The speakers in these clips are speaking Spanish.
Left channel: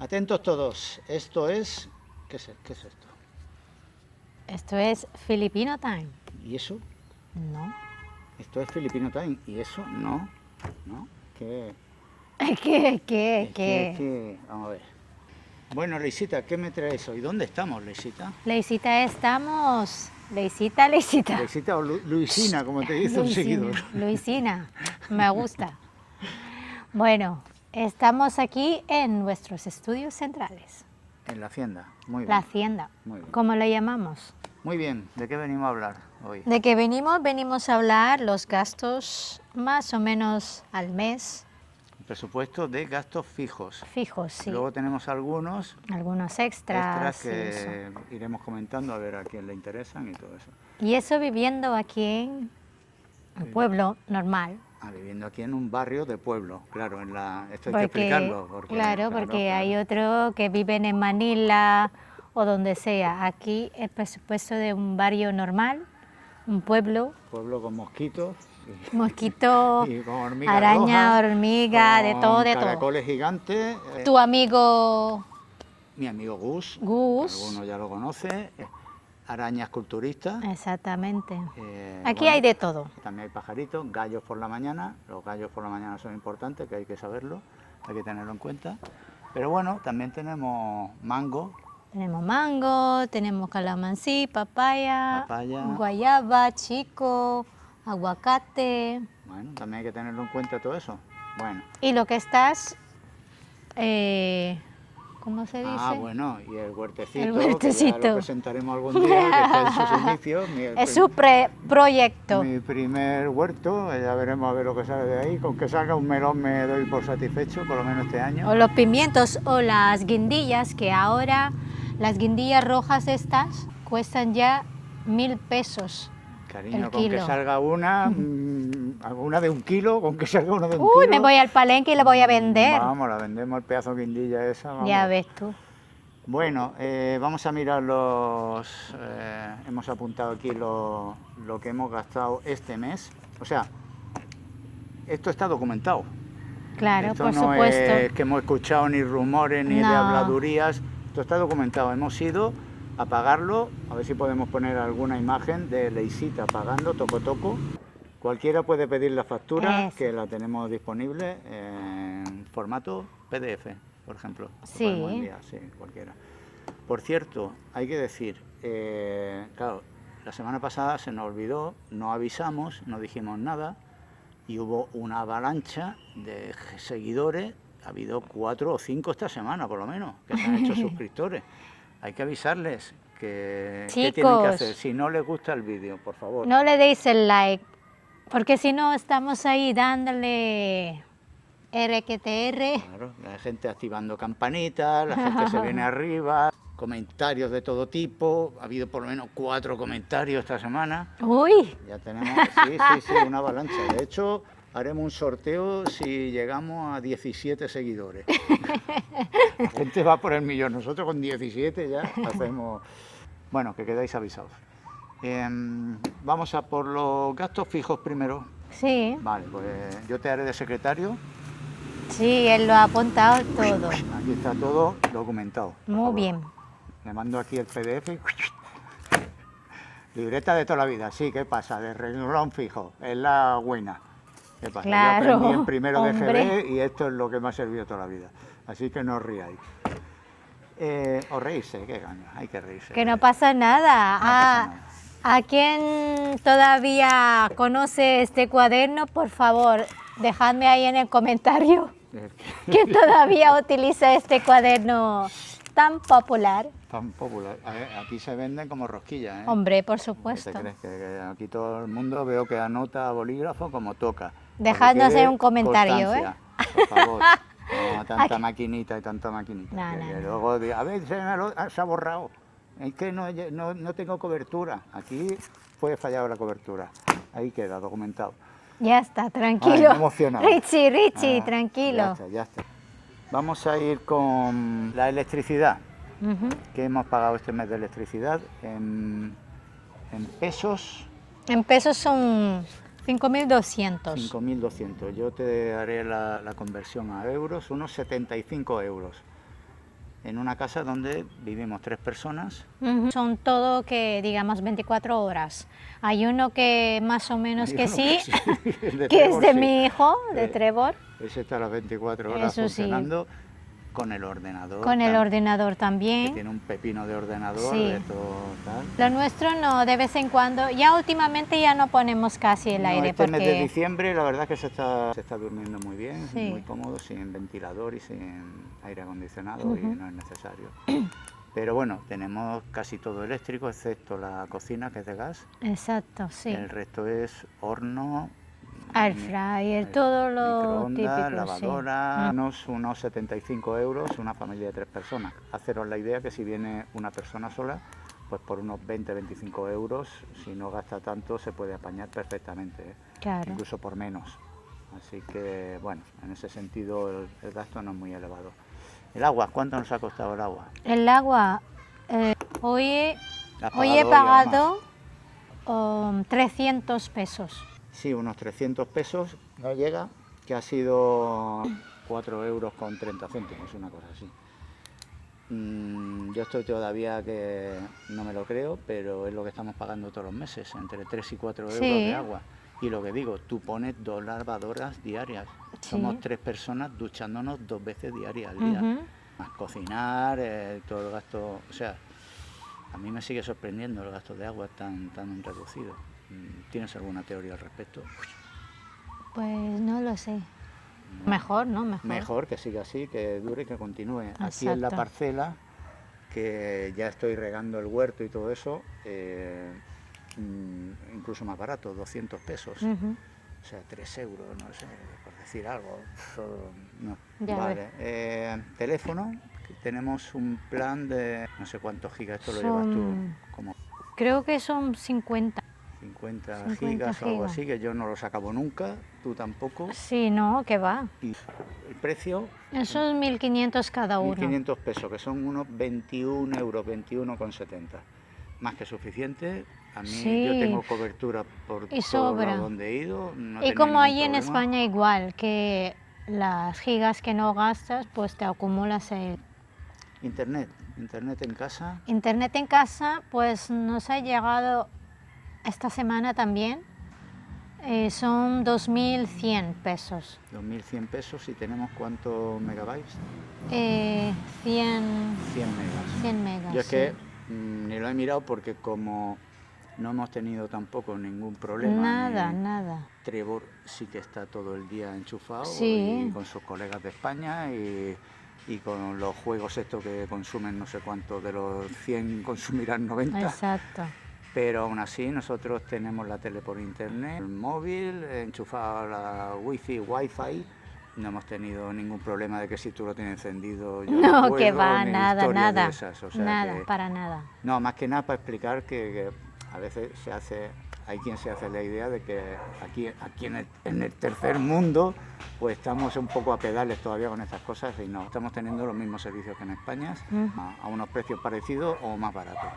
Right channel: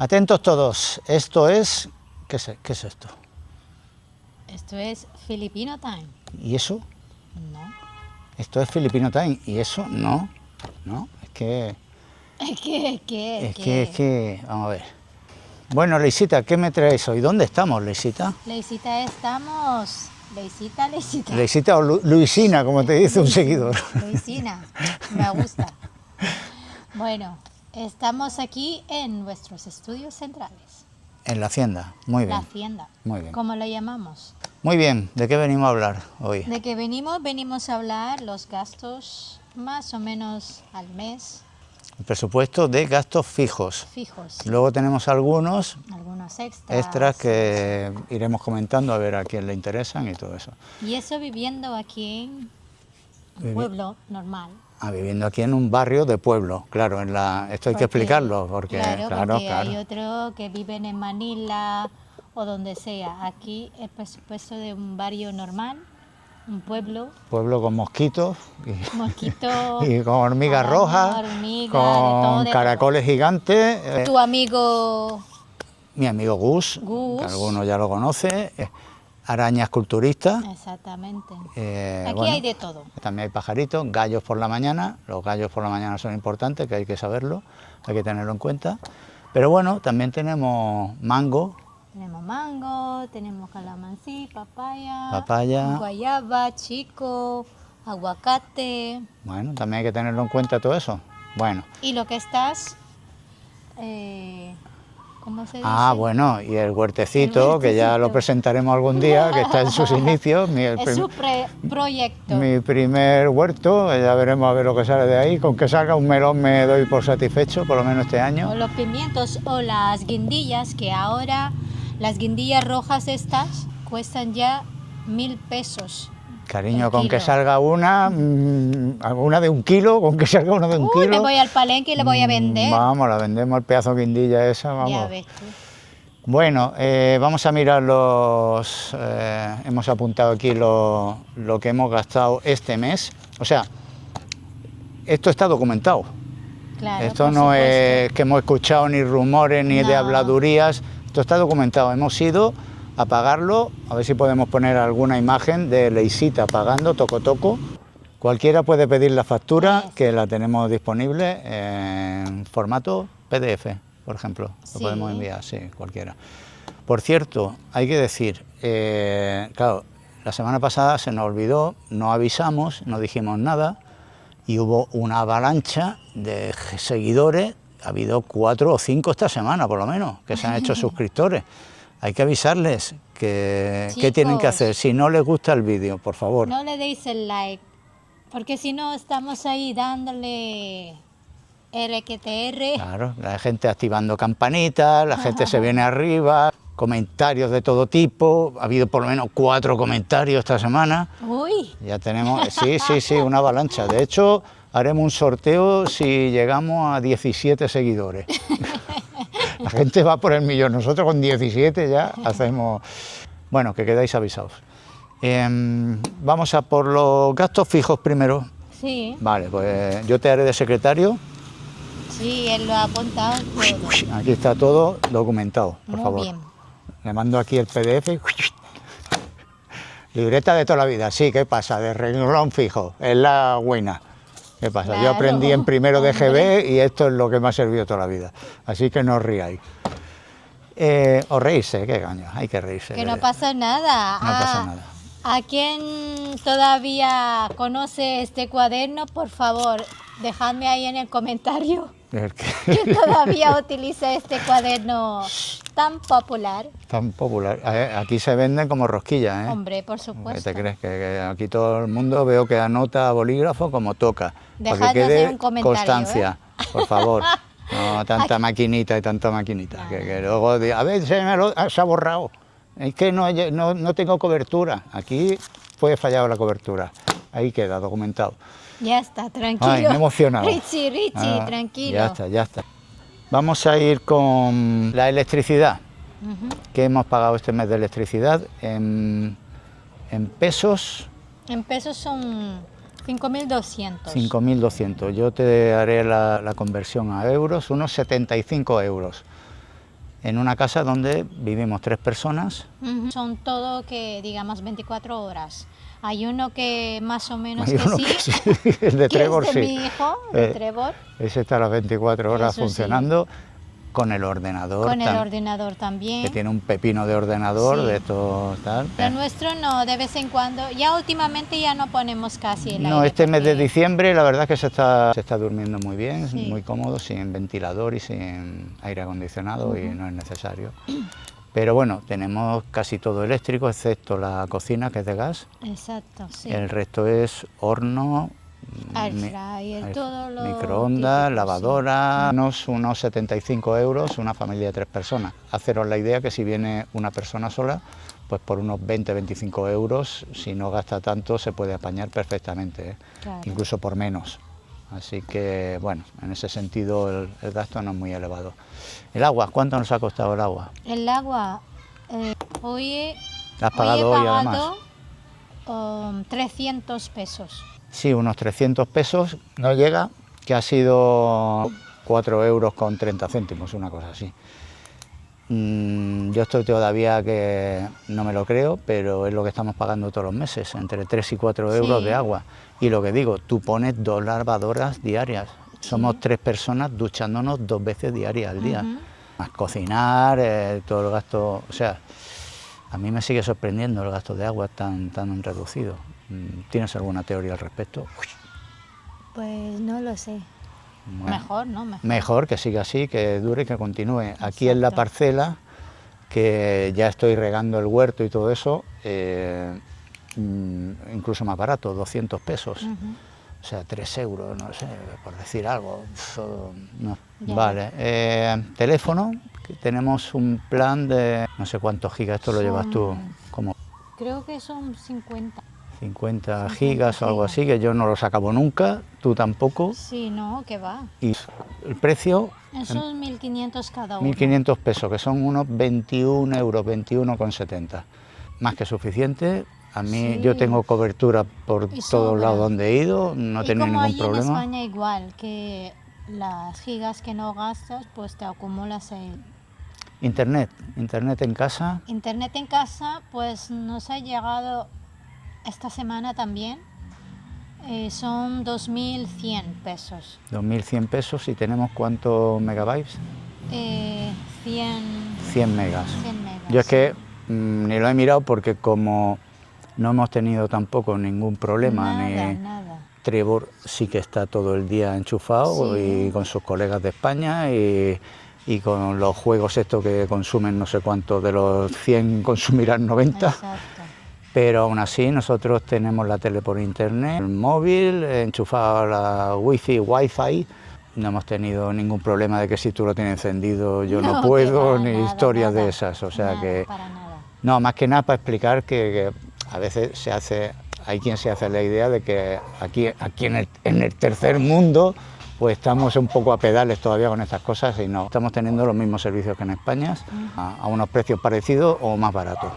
Atentos todos, esto es... ¿Qué es esto? Esto es Filipino Time. ¿Y eso? No. Esto es Filipino Time, ¿y eso? No, no, es que... Es que... Vamos a ver. Bueno, Leisita, ¿qué me traes hoy? ¿Dónde estamos, Leisita? Leisita, estamos... Leisita. Leisita o Luisina, como te dice un seguidor. Luisina, me gusta. Bueno, estamos aquí en nuestros estudios centrales. En la hacienda, muy bien. La hacienda. Muy bien. ¿Cómo la llamamos? Muy bien, ¿de qué venimos a hablar hoy? ¿De qué venimos? Venimos a hablar los gastos más o menos al mes. El presupuesto de gastos fijos. Fijos, sí. Luego tenemos algunos extras que iremos comentando a ver a quién le interesan y todo eso. Y eso viviendo aquí en un pueblo normal. Viviendo aquí en un barrio de pueblo, claro, esto hay que explicarlo. Porque hay otros que viven en Manila o donde sea. Aquí el presupuesto de un barrio normal, un pueblo. Pueblo con mosquitos. Mosquitos. Y con hormigas araña, rojas. hormiga, de todo. Caracoles gigantes. Tu amigo... Mi amigo Gus, que algunos ya lo conoce. Arañas culturistas. Exactamente. Aquí bueno, hay de todo. También hay pajaritos, gallos por la mañana. Los gallos por la mañana son importantes, que hay que saberlo, hay que tenerlo en cuenta. Pero bueno, también tenemos mango. Tenemos mango, tenemos calamansi, papaya, guayaba, chico, aguacate. Bueno, también hay que tenerlo en cuenta todo eso. Bueno. Y lo que estás... ¿cómo se dice? Bueno, y el huertecito, que ya lo presentaremos algún día, que está en sus inicios. Es su proyecto. Mi primer huerto, ya veremos a ver lo que sale de ahí. Con que salga un melón me doy por satisfecho, por lo menos este año. O los pimientos o las guindillas, que ahora las guindillas rojas estas cuestan ya 1.000 pesos. Cariño, con que salga una de 1 kilo, con que salga una de 1 kilo. Me voy al palenque y la voy a vender. Vamos, la vendemos al pedazo de guindilla esa, vamos. Ya ves tú. Bueno, vamos a mirar hemos apuntado aquí lo que hemos gastado este mes. O sea, esto está documentado. Claro, esto no es que hemos escuchado ni rumores ni de habladurías. Esto está documentado. Hemos ido a pagarlo, a ver si podemos poner alguna imagen de Leisita pagando toco. Cualquiera puede pedir la factura, que la tenemos disponible en formato PDF, por ejemplo. Sí. Lo podemos enviar, sí, cualquiera. Por cierto, hay que decir, claro, la semana pasada se nos olvidó, no avisamos, no dijimos nada y hubo una avalancha de seguidores, ha habido 4 o 5 esta semana por lo menos, que se han hecho suscriptores. Hay que avisarles qué tienen que hacer. Si no les gusta el vídeo, por favor. No le deis el like, porque si no estamos ahí dándole RQTR. Claro, la gente activando campanitas, la gente se viene arriba, comentarios de todo tipo. Ha habido por lo menos 4 comentarios esta semana. ¡Uy! Ya tenemos, sí, una avalancha. De hecho, haremos un sorteo si llegamos a 17 seguidores. La gente va por el millón, nosotros con 17 ya hacemos... Bueno, que quedáis avisados. Vamos a por los gastos fijos primero. Sí. Vale, pues yo te haré de secretario. Sí, él lo ha apuntado todo. Aquí está todo documentado, por favor. Muy bien. Le mando aquí el PDF. Libreta de toda la vida, sí, ¿qué pasa? De renglón fijo, es la buena. ¿Qué pasa? Claro, yo aprendí en primero de hombre. GB y esto es lo que me ha servido toda la vida. Así que no os riáis. O reírse, qué caño, hay que reírse. Que no pasa nada. No pasa nada. A quien todavía conoce este cuaderno, por favor, dejadme ahí en el comentario que todavía utiliza este cuaderno tan popular. Tan popular. Aquí se venden como rosquillas, ¿eh? Hombre, por supuesto. ¿Qué te crees? Que aquí todo el mundo veo que anota a bolígrafo como toca. Dejadme hacer un comentario, constancia, por favor. No tanta maquinita y tanta maquinita. Nada. Que luego, a ver, se ha borrado. Es que no tengo cobertura. Aquí fue fallado la cobertura. Ahí queda documentado. Ya está, tranquilo. Ay, me he emocionado. Richie, tranquilo. Ya está. Vamos a ir con la electricidad. ¿Qué hemos pagado este mes de electricidad? En pesos. En pesos son 5.200. 5.200. Yo te haré la conversión a euros, unos 75 euros. en una casa donde vivimos 3 personas. Son todo que digamos 24 horas. Hay uno que más o menos Hay que uno sí, que sí, el de que Trevor, es de sí. mi hijo, de Trevor. Ese está a las 24 horas Eso sí. funcionando con el ordenador. Con el ordenador Que también. tiene un pepino de ordenador, Sí. de todo tal. Lo nuestro no, de vez en cuando. Ya últimamente ya no ponemos casi el No, aire. este mes de porque- diciembre la verdad es que se está durmiendo muy bien, Sí. muy cómodo, sin ventilador y sin aire acondicionado y no es necesario. Pero bueno, tenemos casi todo eléctrico, excepto la cocina, que es de gas. Exacto, sí. El resto es horno, Air mi- fryer, todo lo microondas, típico, lavadora, unos 75 euros, una familia de 3 personas. Haceros la idea que si viene una persona sola, pues por unos 20-25 euros, si no gasta tanto, se puede apañar perfectamente, ¿eh? Claro. Incluso por menos. Así que, bueno, en ese sentido el gasto no es muy elevado. El agua, ¿cuánto nos ha costado el agua? El agua, hoy, ¿La has hoy he pagado hoy, además? pagado 300 pesos. Sí, unos 300 pesos, no llega, que ha sido 4 euros con 30 céntimos, una cosa así. Yo estoy todavía que no me lo creo, pero es lo que estamos pagando todos los meses, entre 3 y 4 euros Sí. de agua. Y lo que digo, tú pones 2 lavadoras diarias. Somos 3 personas duchándonos 2 veces diarias al día. Más cocinar, todo el gasto, o sea, a mí me sigue sorprendiendo el gasto de agua tan reducido. ¿Tienes alguna teoría al respecto? Pues no lo sé. Bueno, Mejor, ¿no? Mejor. mejor que siga así, que dure y que continúe. Aquí en la Exacto. parcela, que ya estoy regando el huerto y todo eso, incluso más barato, 200 pesos. O sea, 3 euros, no sé, por decir algo. Eso, no. Ya Vale, teléfono, que tenemos un plan de no sé cuántos gigas, esto lo llevas tú, como Creo que son 50. 50 50 gigas o algo gigas. así, que yo no los acabo nunca, tú tampoco. Sí, no, que va. Y el precio, Esos 1.500 cada uno. 1.500 pesos, que son unos 21 euros, 21,70. Más que suficiente. A mí Sí. yo tengo cobertura por Y todos sobra. lados donde he ido, no he Y tenido como ningún allí en problema. España igual, que las gigas que no gastas, pues te acumulas en... Internet en casa, Internet en casa, pues nos ha llegado esta semana también. Son 2.100 pesos. 2.100 pesos y tenemos ¿cuántos megabytes? 100 100 megas. 100 megas. Yo es que ni lo he mirado porque como no hemos tenido tampoco ningún problema, Nada, ni nada. Trevor sí que está todo el día enchufado Sí. y con sus colegas de España y con los juegos estos que consumen no sé cuántos, de los 100 consumirán 90. Exacto. Pero aún así nosotros tenemos la tele por internet, el móvil, enchufado a la wifi, no hemos tenido ningún problema de que si tú lo tienes encendido yo no que puedo, va, ni nada, historias nada, de esas, o sea nada, que... para nada. No, más que nada para explicar que a veces hay quien se hace la idea de que aquí en el tercer mundo pues estamos un poco a pedales todavía con estas cosas y no, estamos teniendo los mismos servicios que en España, a unos precios parecidos o más baratos.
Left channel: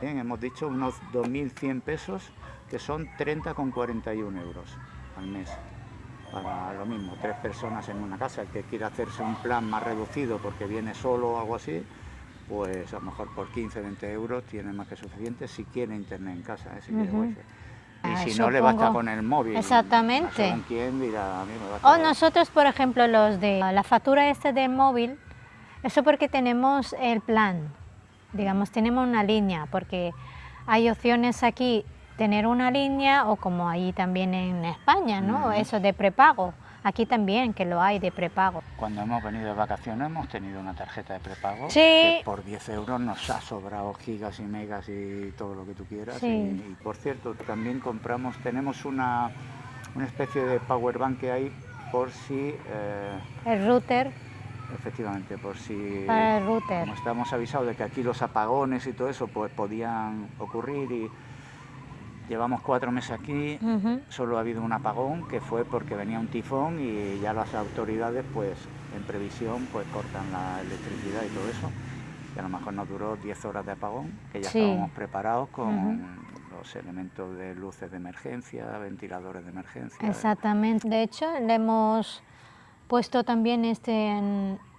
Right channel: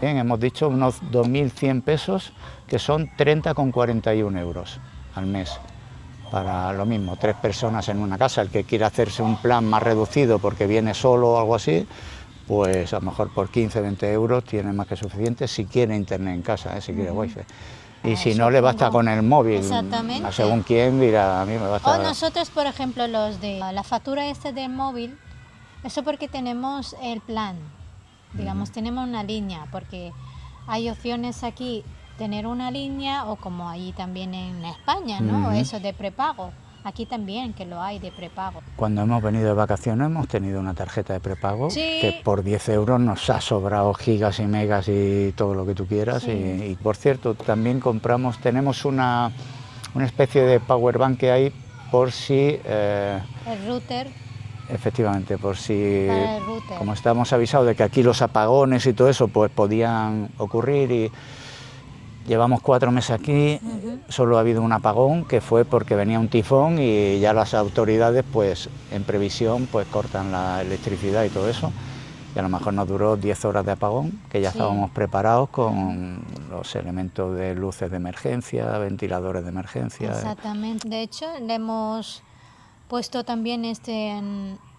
Bien, hemos dicho unos 2.100 pesos, que son 30,41 euros al mes. Para lo mismo, 3 personas en una casa, el que quiera hacerse un plan más reducido porque viene solo o algo así, pues a lo mejor por 15-20 euros tiene más que suficiente si quiere internet en casa, si quiere wifi. Y si no, le basta supongo. con el móvil. Exactamente. Según quién dirá, a mí me basta. O nosotros, por ejemplo, los de la factura del móvil, eso porque tenemos el plan, digamos, tenemos una línea, porque hay opciones aquí, tener una línea o como ahí también en España, ¿no? Eso de prepago. Aquí también, que lo hay de prepago. Cuando hemos venido de vacaciones hemos tenido una tarjeta de prepago Sí. que por 10 euros nos ha sobrado gigas y megas y todo lo que tú quieras. Sí. Y por cierto, también tenemos una especie de power bank que hay por si... El router. Efectivamente, por si, El router. como estábamos avisados de que aquí los apagones y todo eso pues podían ocurrir y llevamos 4 meses aquí, solo ha habido un apagón que fue porque venía un tifón y ya las autoridades pues en previsión pues cortan la electricidad y todo eso y a lo mejor nos duró 10 horas de apagón, que ya Sí. estábamos preparados con los elementos de luces de emergencia, ventiladores de emergencia. Exactamente. De hecho, le hemos puesto también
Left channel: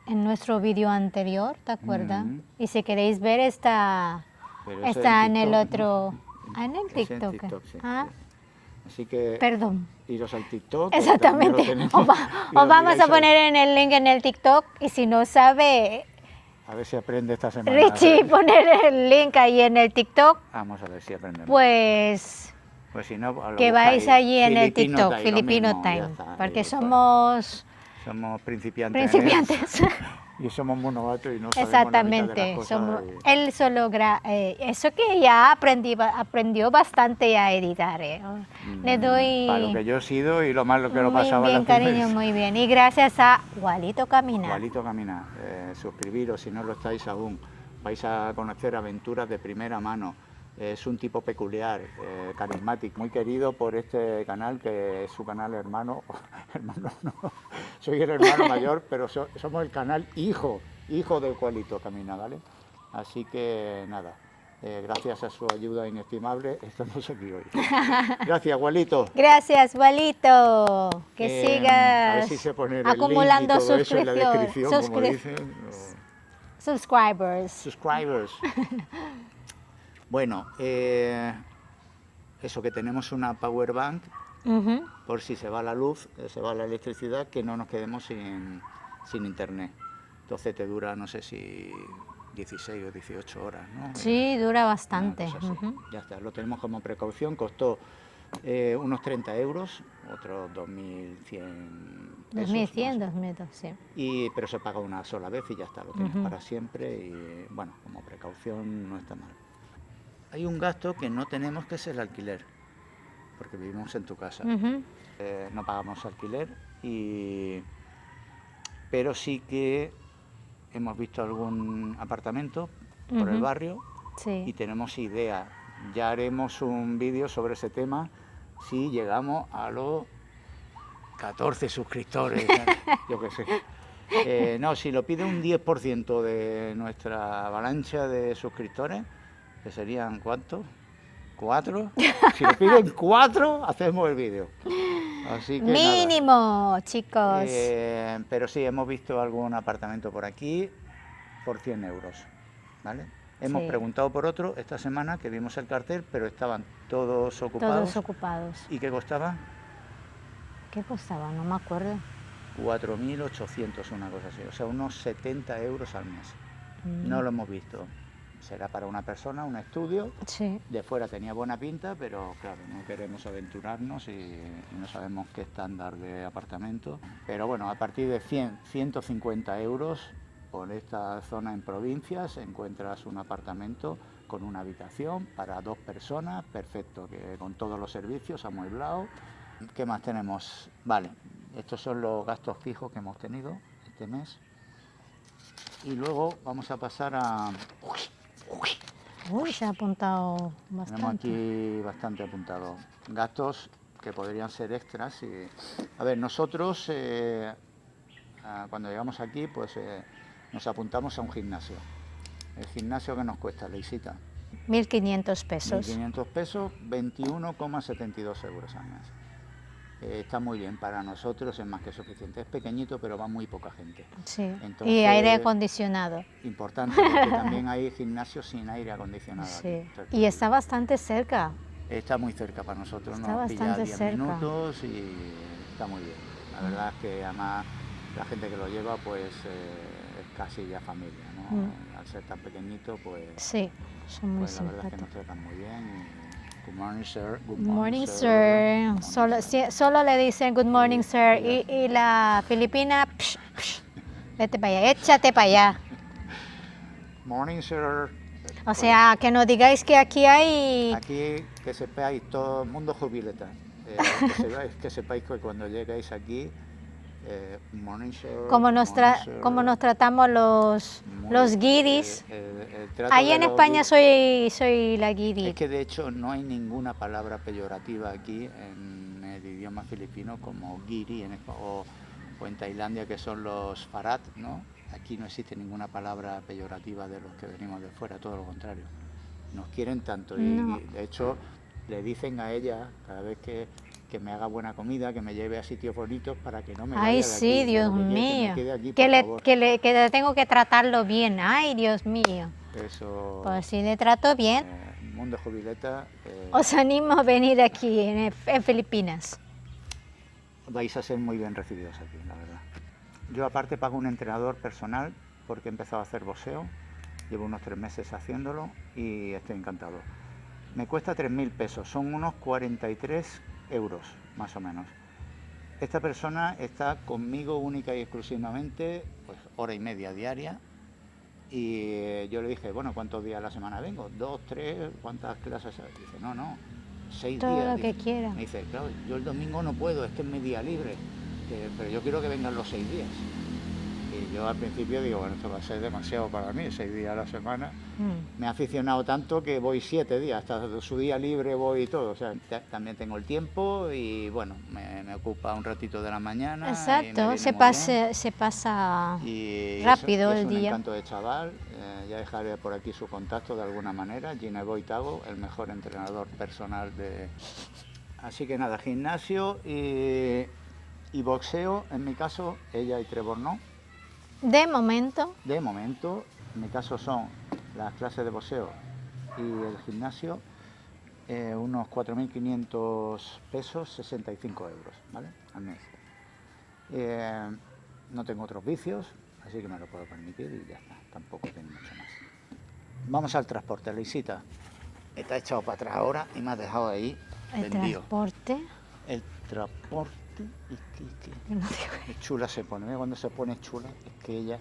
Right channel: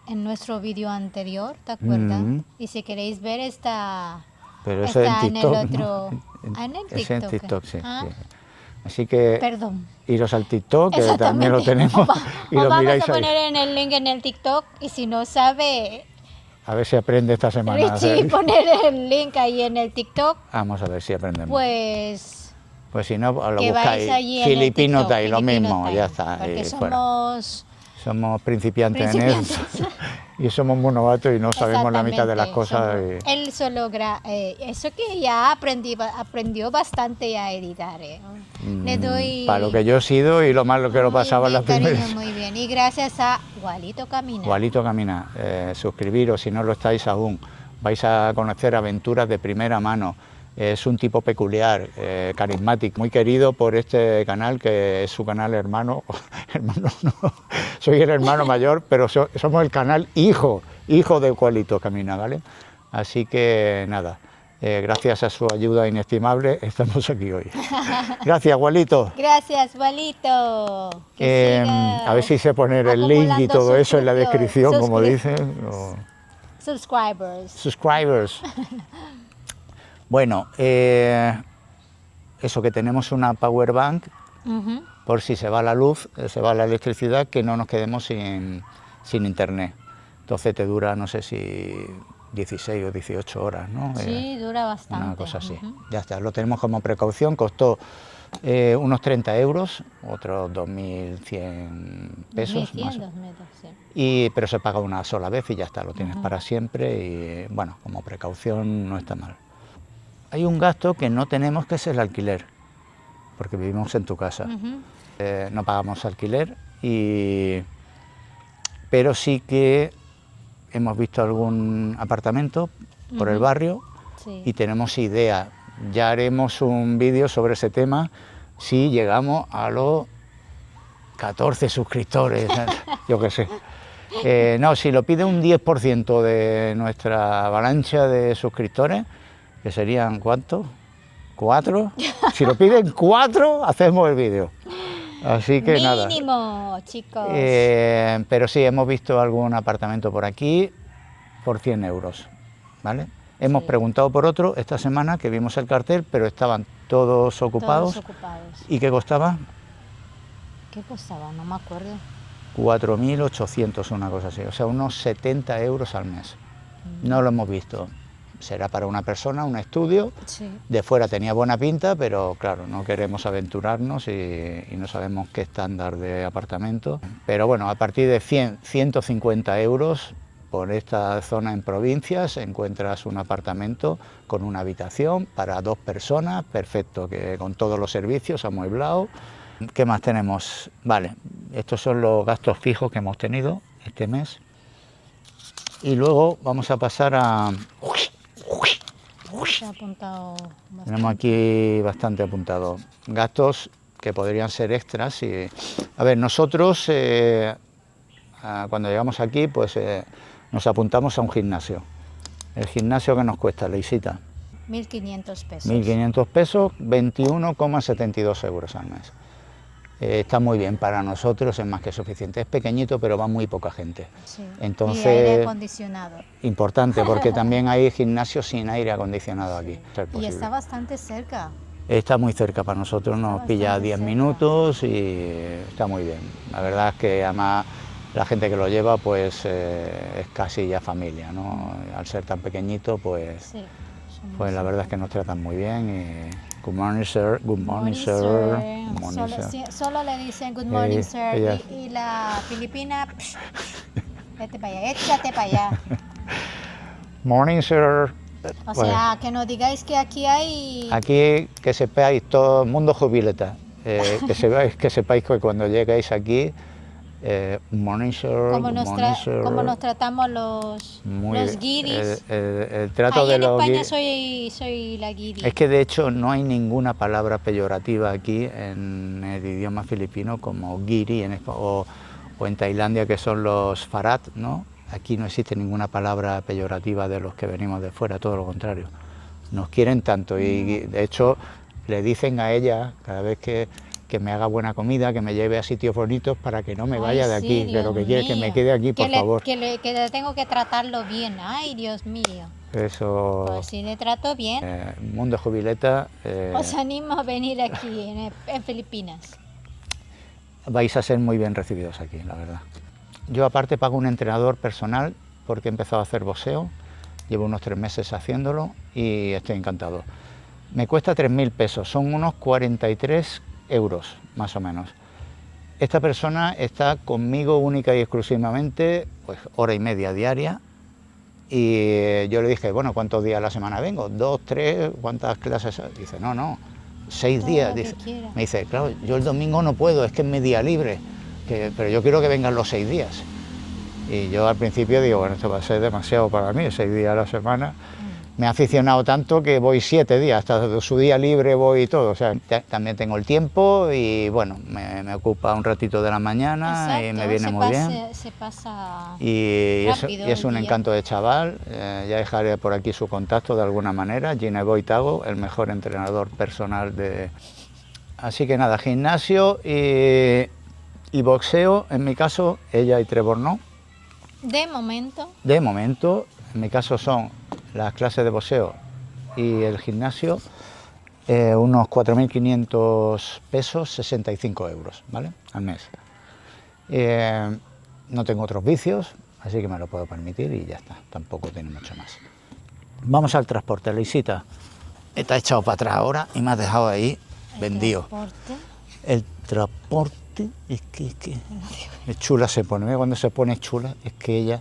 en nuestro vídeo anterior, ¿te acuerdas? Mm. Y si queréis ver, está Pero eso en en el TikTok, otro... ¿no? Ah, en el Es en TikTok. TikTok, sí. Ah, Sí. Así que perdón. iros al TikTok, que también lo Exactamente. tenemos. y Os lo vamos miráis a ahí. poner en el link en el TikTok y si no sabe, A ver si aprende esta semana. Richie, poner el link ahí en el TikTok, Vamos a ver si aprendemos. pues Pues si no, lo que buscáis. vais allí en el Filipino TikTok. Time, lo Filipino mismo, Time, ya está. porque y fuera. Somos principiantes, en principiantes. eso. Y somos muy novatos y no sabemos la mitad de las cosas. Él solo eso que ya aprendió bastante a editar. Le doy Para lo que yo he sido y lo malo que lo muy pasaba en bien, las primeras. cariño, muy bien. Y gracias a Walito Camina. Walito Camina, suscribiros si no lo estáis aún. Vais a conocer aventuras de primera mano. Es un tipo peculiar, carismático, muy querido por este canal, que es su canal hermano. Hermano no, soy el hermano mayor, pero somos el canal hijo de Walito Camina, ¿vale? Así que nada, gracias a su ayuda inestimable estamos aquí hoy. Gracias, Walito. Gracias, Walito. Que sigas A ver si sé poner el link y acumulando todo eso en la descripción, como dicen. Subscribers. Bueno, eso, que tenemos una power bank Ujú. por si se va la luz, se va la electricidad, que no nos quedemos sin internet. Entonces te dura, no sé si 16 o 18 horas, ¿no? Sí, dura bastante. Una cosa así. Ujú. Ya está, lo tenemos como precaución, costó unos 30 euros, otros 2.100 pesos. 2.100, 2.200. Pero se paga una sola vez y ya está, lo tienes para siempre y bueno, como precaución no está mal. Hay un gasto que no tenemos, que es el alquiler, porque vivimos en tu casa. Ujú. No pagamos alquiler, pero sí que hemos visto algún apartamento por el barrio Sí. y tenemos idea. Ya haremos un vídeo sobre ese tema si llegamos a los 14 suscriptores, yo qué sé. No, si lo pide un 10% de nuestra avalancha de suscriptores, que serían, ¿cuántos? ¿4? Si lo piden 4, hacemos el vídeo. Así que Mínimo, nada. chicos. Pero sí, hemos visto algún apartamento por aquí por 100 euros, ¿vale? Hemos Sí. preguntado por otro esta semana, que vimos el cartel, pero estaban todos ocupados. Todos ocupados. ¿Y qué costaba? ¿Qué costaba? No me acuerdo. 4.800, una cosa así, o sea, unos 70 euros al mes. No lo hemos visto. Será para una persona, un estudio. Sí. De fuera tenía buena pinta, pero claro, no queremos aventurarnos y no sabemos qué estándar de apartamento. Pero bueno, a partir de 100, 150 euros por esta zona en provincias encuentras un apartamento con una habitación para 2 personas, perfecto, que con todos los servicios amueblado. ¿Qué más tenemos? Vale, estos son los gastos fijos que hemos tenido este mes. Y luego vamos a pasar a... Se ha apuntado bastante. Tenemos aquí bastante apuntado. Gastos que podrían ser extras. A ver, nosotros cuando llegamos aquí, pues nos apuntamos a un gimnasio. El gimnasio que nos cuesta, la visita, 1.500 pesos. 1.500 pesos, 21,72 euros al mes. Está muy bien para nosotros, es más que suficiente. Es pequeñito, pero va muy poca gente. Sí. Entonces, y aire acondicionado. Importante, porque también hay gimnasios sin aire acondicionado Sí. aquí. Y está bastante cerca. Está muy cerca para nosotros, Está nos pilla bastante 10 cerca. minutos y está muy bien. La verdad es que además la gente que lo lleva pues es casi ya familia, ¿no? Al ser tan pequeñito pues, Sí. son muy pues la verdad es que nos tratan muy bien y good morning sir, good morning, Morning, sir. sir. Good morning, sir. Solo le dicen good morning, sir. ella- Y la filipina, vete para allá, échate para allá. Morning sir. O sea, que no digáis que aquí hay... Aquí que sepáis, todo el mundo jubileta, que sepáis que cuando llegáis aquí, morning sir, Como good nos, morning, sir. como nos tratamos los guiris. El trato Ahí de en los España guiris- soy la guiri. Es que de hecho no hay ninguna palabra peyorativa aquí en el idioma filipino como guiri o en Tailandia, que son los farat, ¿no? Aquí no existe ninguna palabra peyorativa de los que venimos de fuera, todo lo contrario. Nos quieren tanto y de hecho le dicen a ella cada vez que que me haga buena comida, que me lleve a sitios bonitos para que no me vaya de sí, aquí, Dios de lo que quiere que me mío. quede aquí, por favor. Que tengo que tratarlo bien. Ay, Dios mío. Eso, Pues si le trato bien, Mundo Jubileta, os animo a venir aquí en Filipinas. vais a ser muy bien recibidos aquí, la verdad. Yo aparte pago un entrenador personal porque he empezado a hacer boxeo, llevo unos 3 meses haciéndolo y estoy encantado. Me cuesta 3.000 pesos, son unos 43 euros más o menos. Esta persona está conmigo única y exclusivamente pues hora y media diaria y yo le dije, bueno, ¿cuántos días a la semana vengo? ¿2, 3? ¿Cuántas clases? Dice, no, 6 Todo días. lo que Dice, quiera. me dice, claro, yo el domingo no puedo, es que es mi día libre, pero yo quiero que vengan los 6 días. Y yo al principio digo, bueno, esto va a ser demasiado para mí, 6 días a la semana. Me he aficionado tanto que voy 7 días, hasta su día libre voy y todo. O sea, también tengo el tiempo y bueno, me ocupa un ratito de la mañana. Exacto, Y me viene muy bien. se pasa Y rápido es el un día. encanto de chaval. Ya dejaré por aquí su contacto de alguna manera. Gineboi Tago, el mejor entrenador personal de... Así que nada, gimnasio y boxeo, en mi caso, ella y Trevor no. De momento, De momento, en mi caso son las clases de boxeo y el gimnasio, unos 4.500 pesos, 65 euros, ¿vale? Al mes. No tengo otros vicios, así que me lo puedo permitir y ya está, tampoco tiene mucho más. Vamos al transporte, Luisita. Te has echado para atrás ahora y me has dejado ahí vendido. transporte. El transporte es que es chula se pone, ¿eh? Cuando se pone chula es que ella...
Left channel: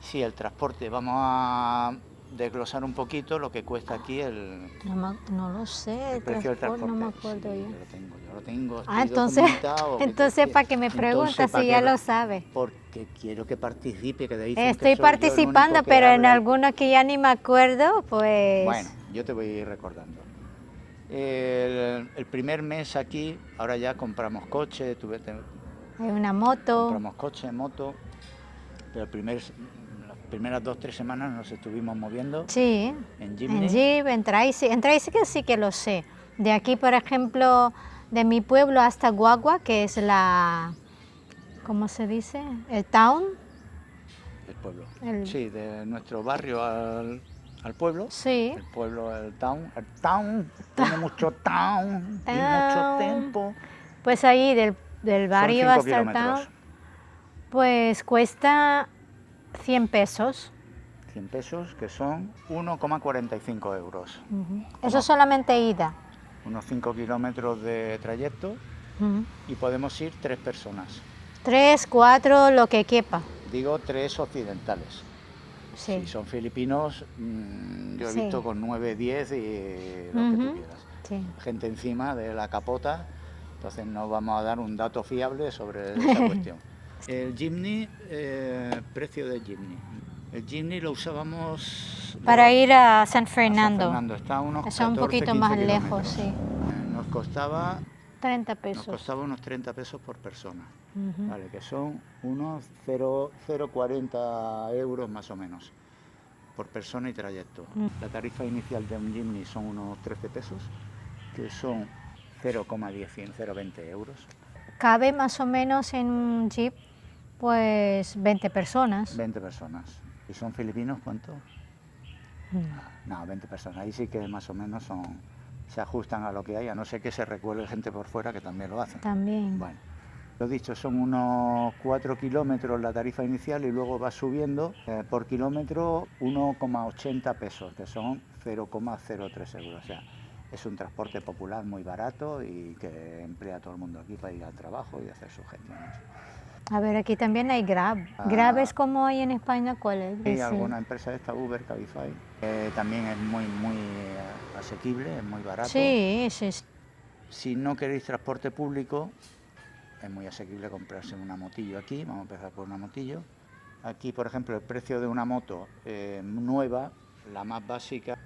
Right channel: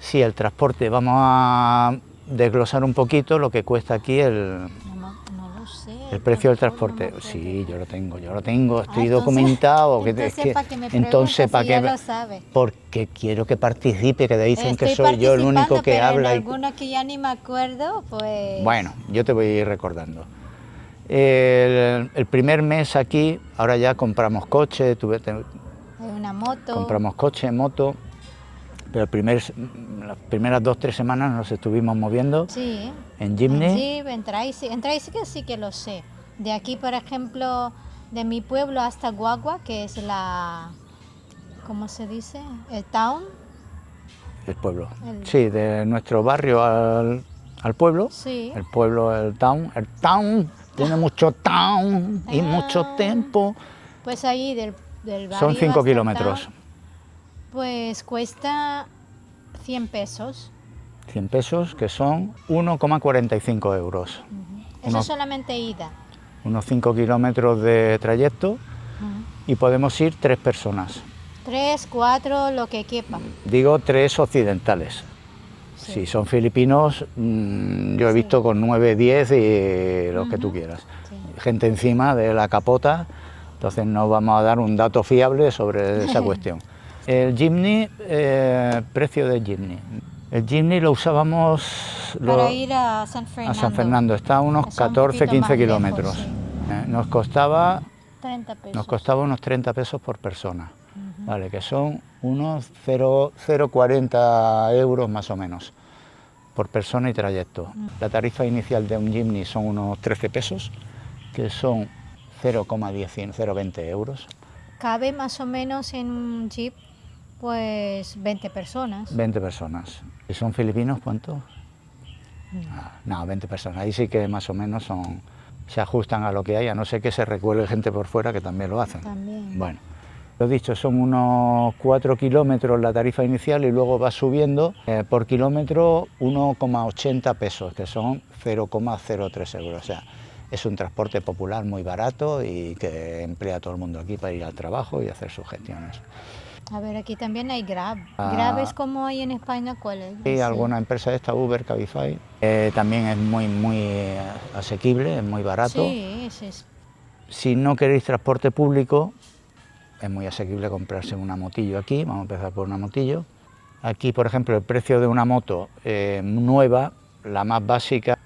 Sí, el transporte, vamos a desglosar un poquito lo que cuesta aquí el No lo sé. el precio del transporte. no me acuerdo. Sí, yo lo tengo, estoy Entonces, documentado. entonces ¿para qué me preguntas si ya lo sabe? Porque quiero que participe, que dicen que Estoy soy yo el único participando, que pero en habla. algunos que ya ni me acuerdo, pues... Bueno, yo te voy a ir recordando. El primer mes aquí, ahora ya compramos coche, Hay una moto. compramos coche, moto, pero las primeras 2 o 3 semanas nos estuvimos moviendo Sí. en Jimny. En Jeep, en Tracy que sí que lo sé. De aquí, por ejemplo, de mi pueblo hasta Guagua, que es la... ¿Cómo se dice? El town. El pueblo. Sí, de nuestro barrio al pueblo. Sí. El pueblo, el town. El town tiene mucho town y mucho tiempo. Pues ahí del barrio Son 5 hasta el kilómetros. town, pues cuesta 100 pesos. 100 pesos, que son 1,45 euros. Eso solamente ida. Unos 5 kilómetros de trayecto y podemos ir 3 personas. 3, 4, lo que quepa. Digo 3 occidentales. Sí. Si son filipinos, yo he Sí. visto con 9, 10 y los que tú quieras. Sí. Gente encima de la capota, entonces no vamos a dar un dato fiable sobre esa cuestión. El Jimny, precio del Jimny. El Jimny lo usábamos Para ir a San a Fernando. San Fernando, está a unos Está un 14, poquito 15 más lejos, kilómetros. sí. Nos costaba 30 pesos. Nos costaba unos 30 pesos por persona, vale, que son unos 0,40 euros más o menos por persona y trayecto. La tarifa inicial de un Jimny son unos 13 pesos, que son 0,20 euros. Cabe más o menos en un jeep, pues 20 personas. 20 personas. ¿Y son filipinos cuánto? No, 20 personas. Ahí sí que más o menos se ajustan a lo que hay, a no ser que se recuele gente por fuera, que también lo hacen. También. Bueno, lo dicho, son unos 4 kilómetros la tarifa inicial y luego va subiendo por kilómetro 1,80 pesos, que son 0,03 euros. O sea, es un transporte popular muy barato y que emplea a todo el mundo aquí para ir al trabajo y hacer sus gestiones. A ver, aquí también hay Grab. Grab es como hay en España, ¿cuál es? Y Sí. alguna empresa esta, Uber, Cabify, también es muy asequible, es muy barato. Sí, ese es. Si no queréis transporte público, es muy asequible comprarse una motillo aquí. Vamos a empezar por una motillo. Aquí, por ejemplo, el precio de una moto nueva, la más básica,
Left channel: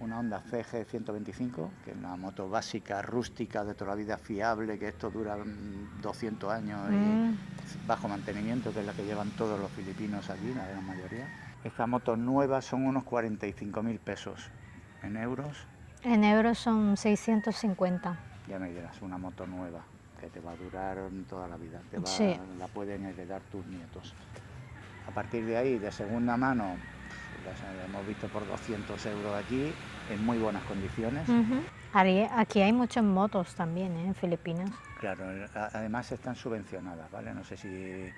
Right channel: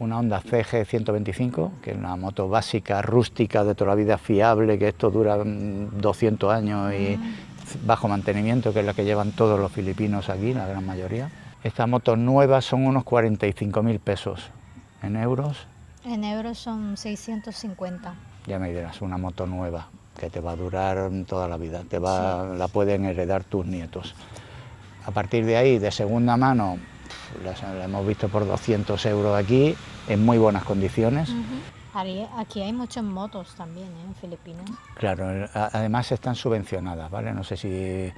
una Honda CG 125, que es una moto básica, rústica, de toda la vida, fiable, que esto dura 200 años y bajo mantenimiento, que es la que llevan todos los filipinos aquí, la gran mayoría. Estas motos nuevas son unos 45.000 pesos en euros. En euros son 650. Ya me dirás, una moto nueva que te va a durar toda la vida, Sí. la pueden heredar tus nietos. A partir de ahí, de segunda mano, la hemos visto por 200 euros aquí, en muy buenas condiciones. Aquí hay muchas motos también, en Filipinas. Claro, además están subvencionadas, ¿vale? No sé si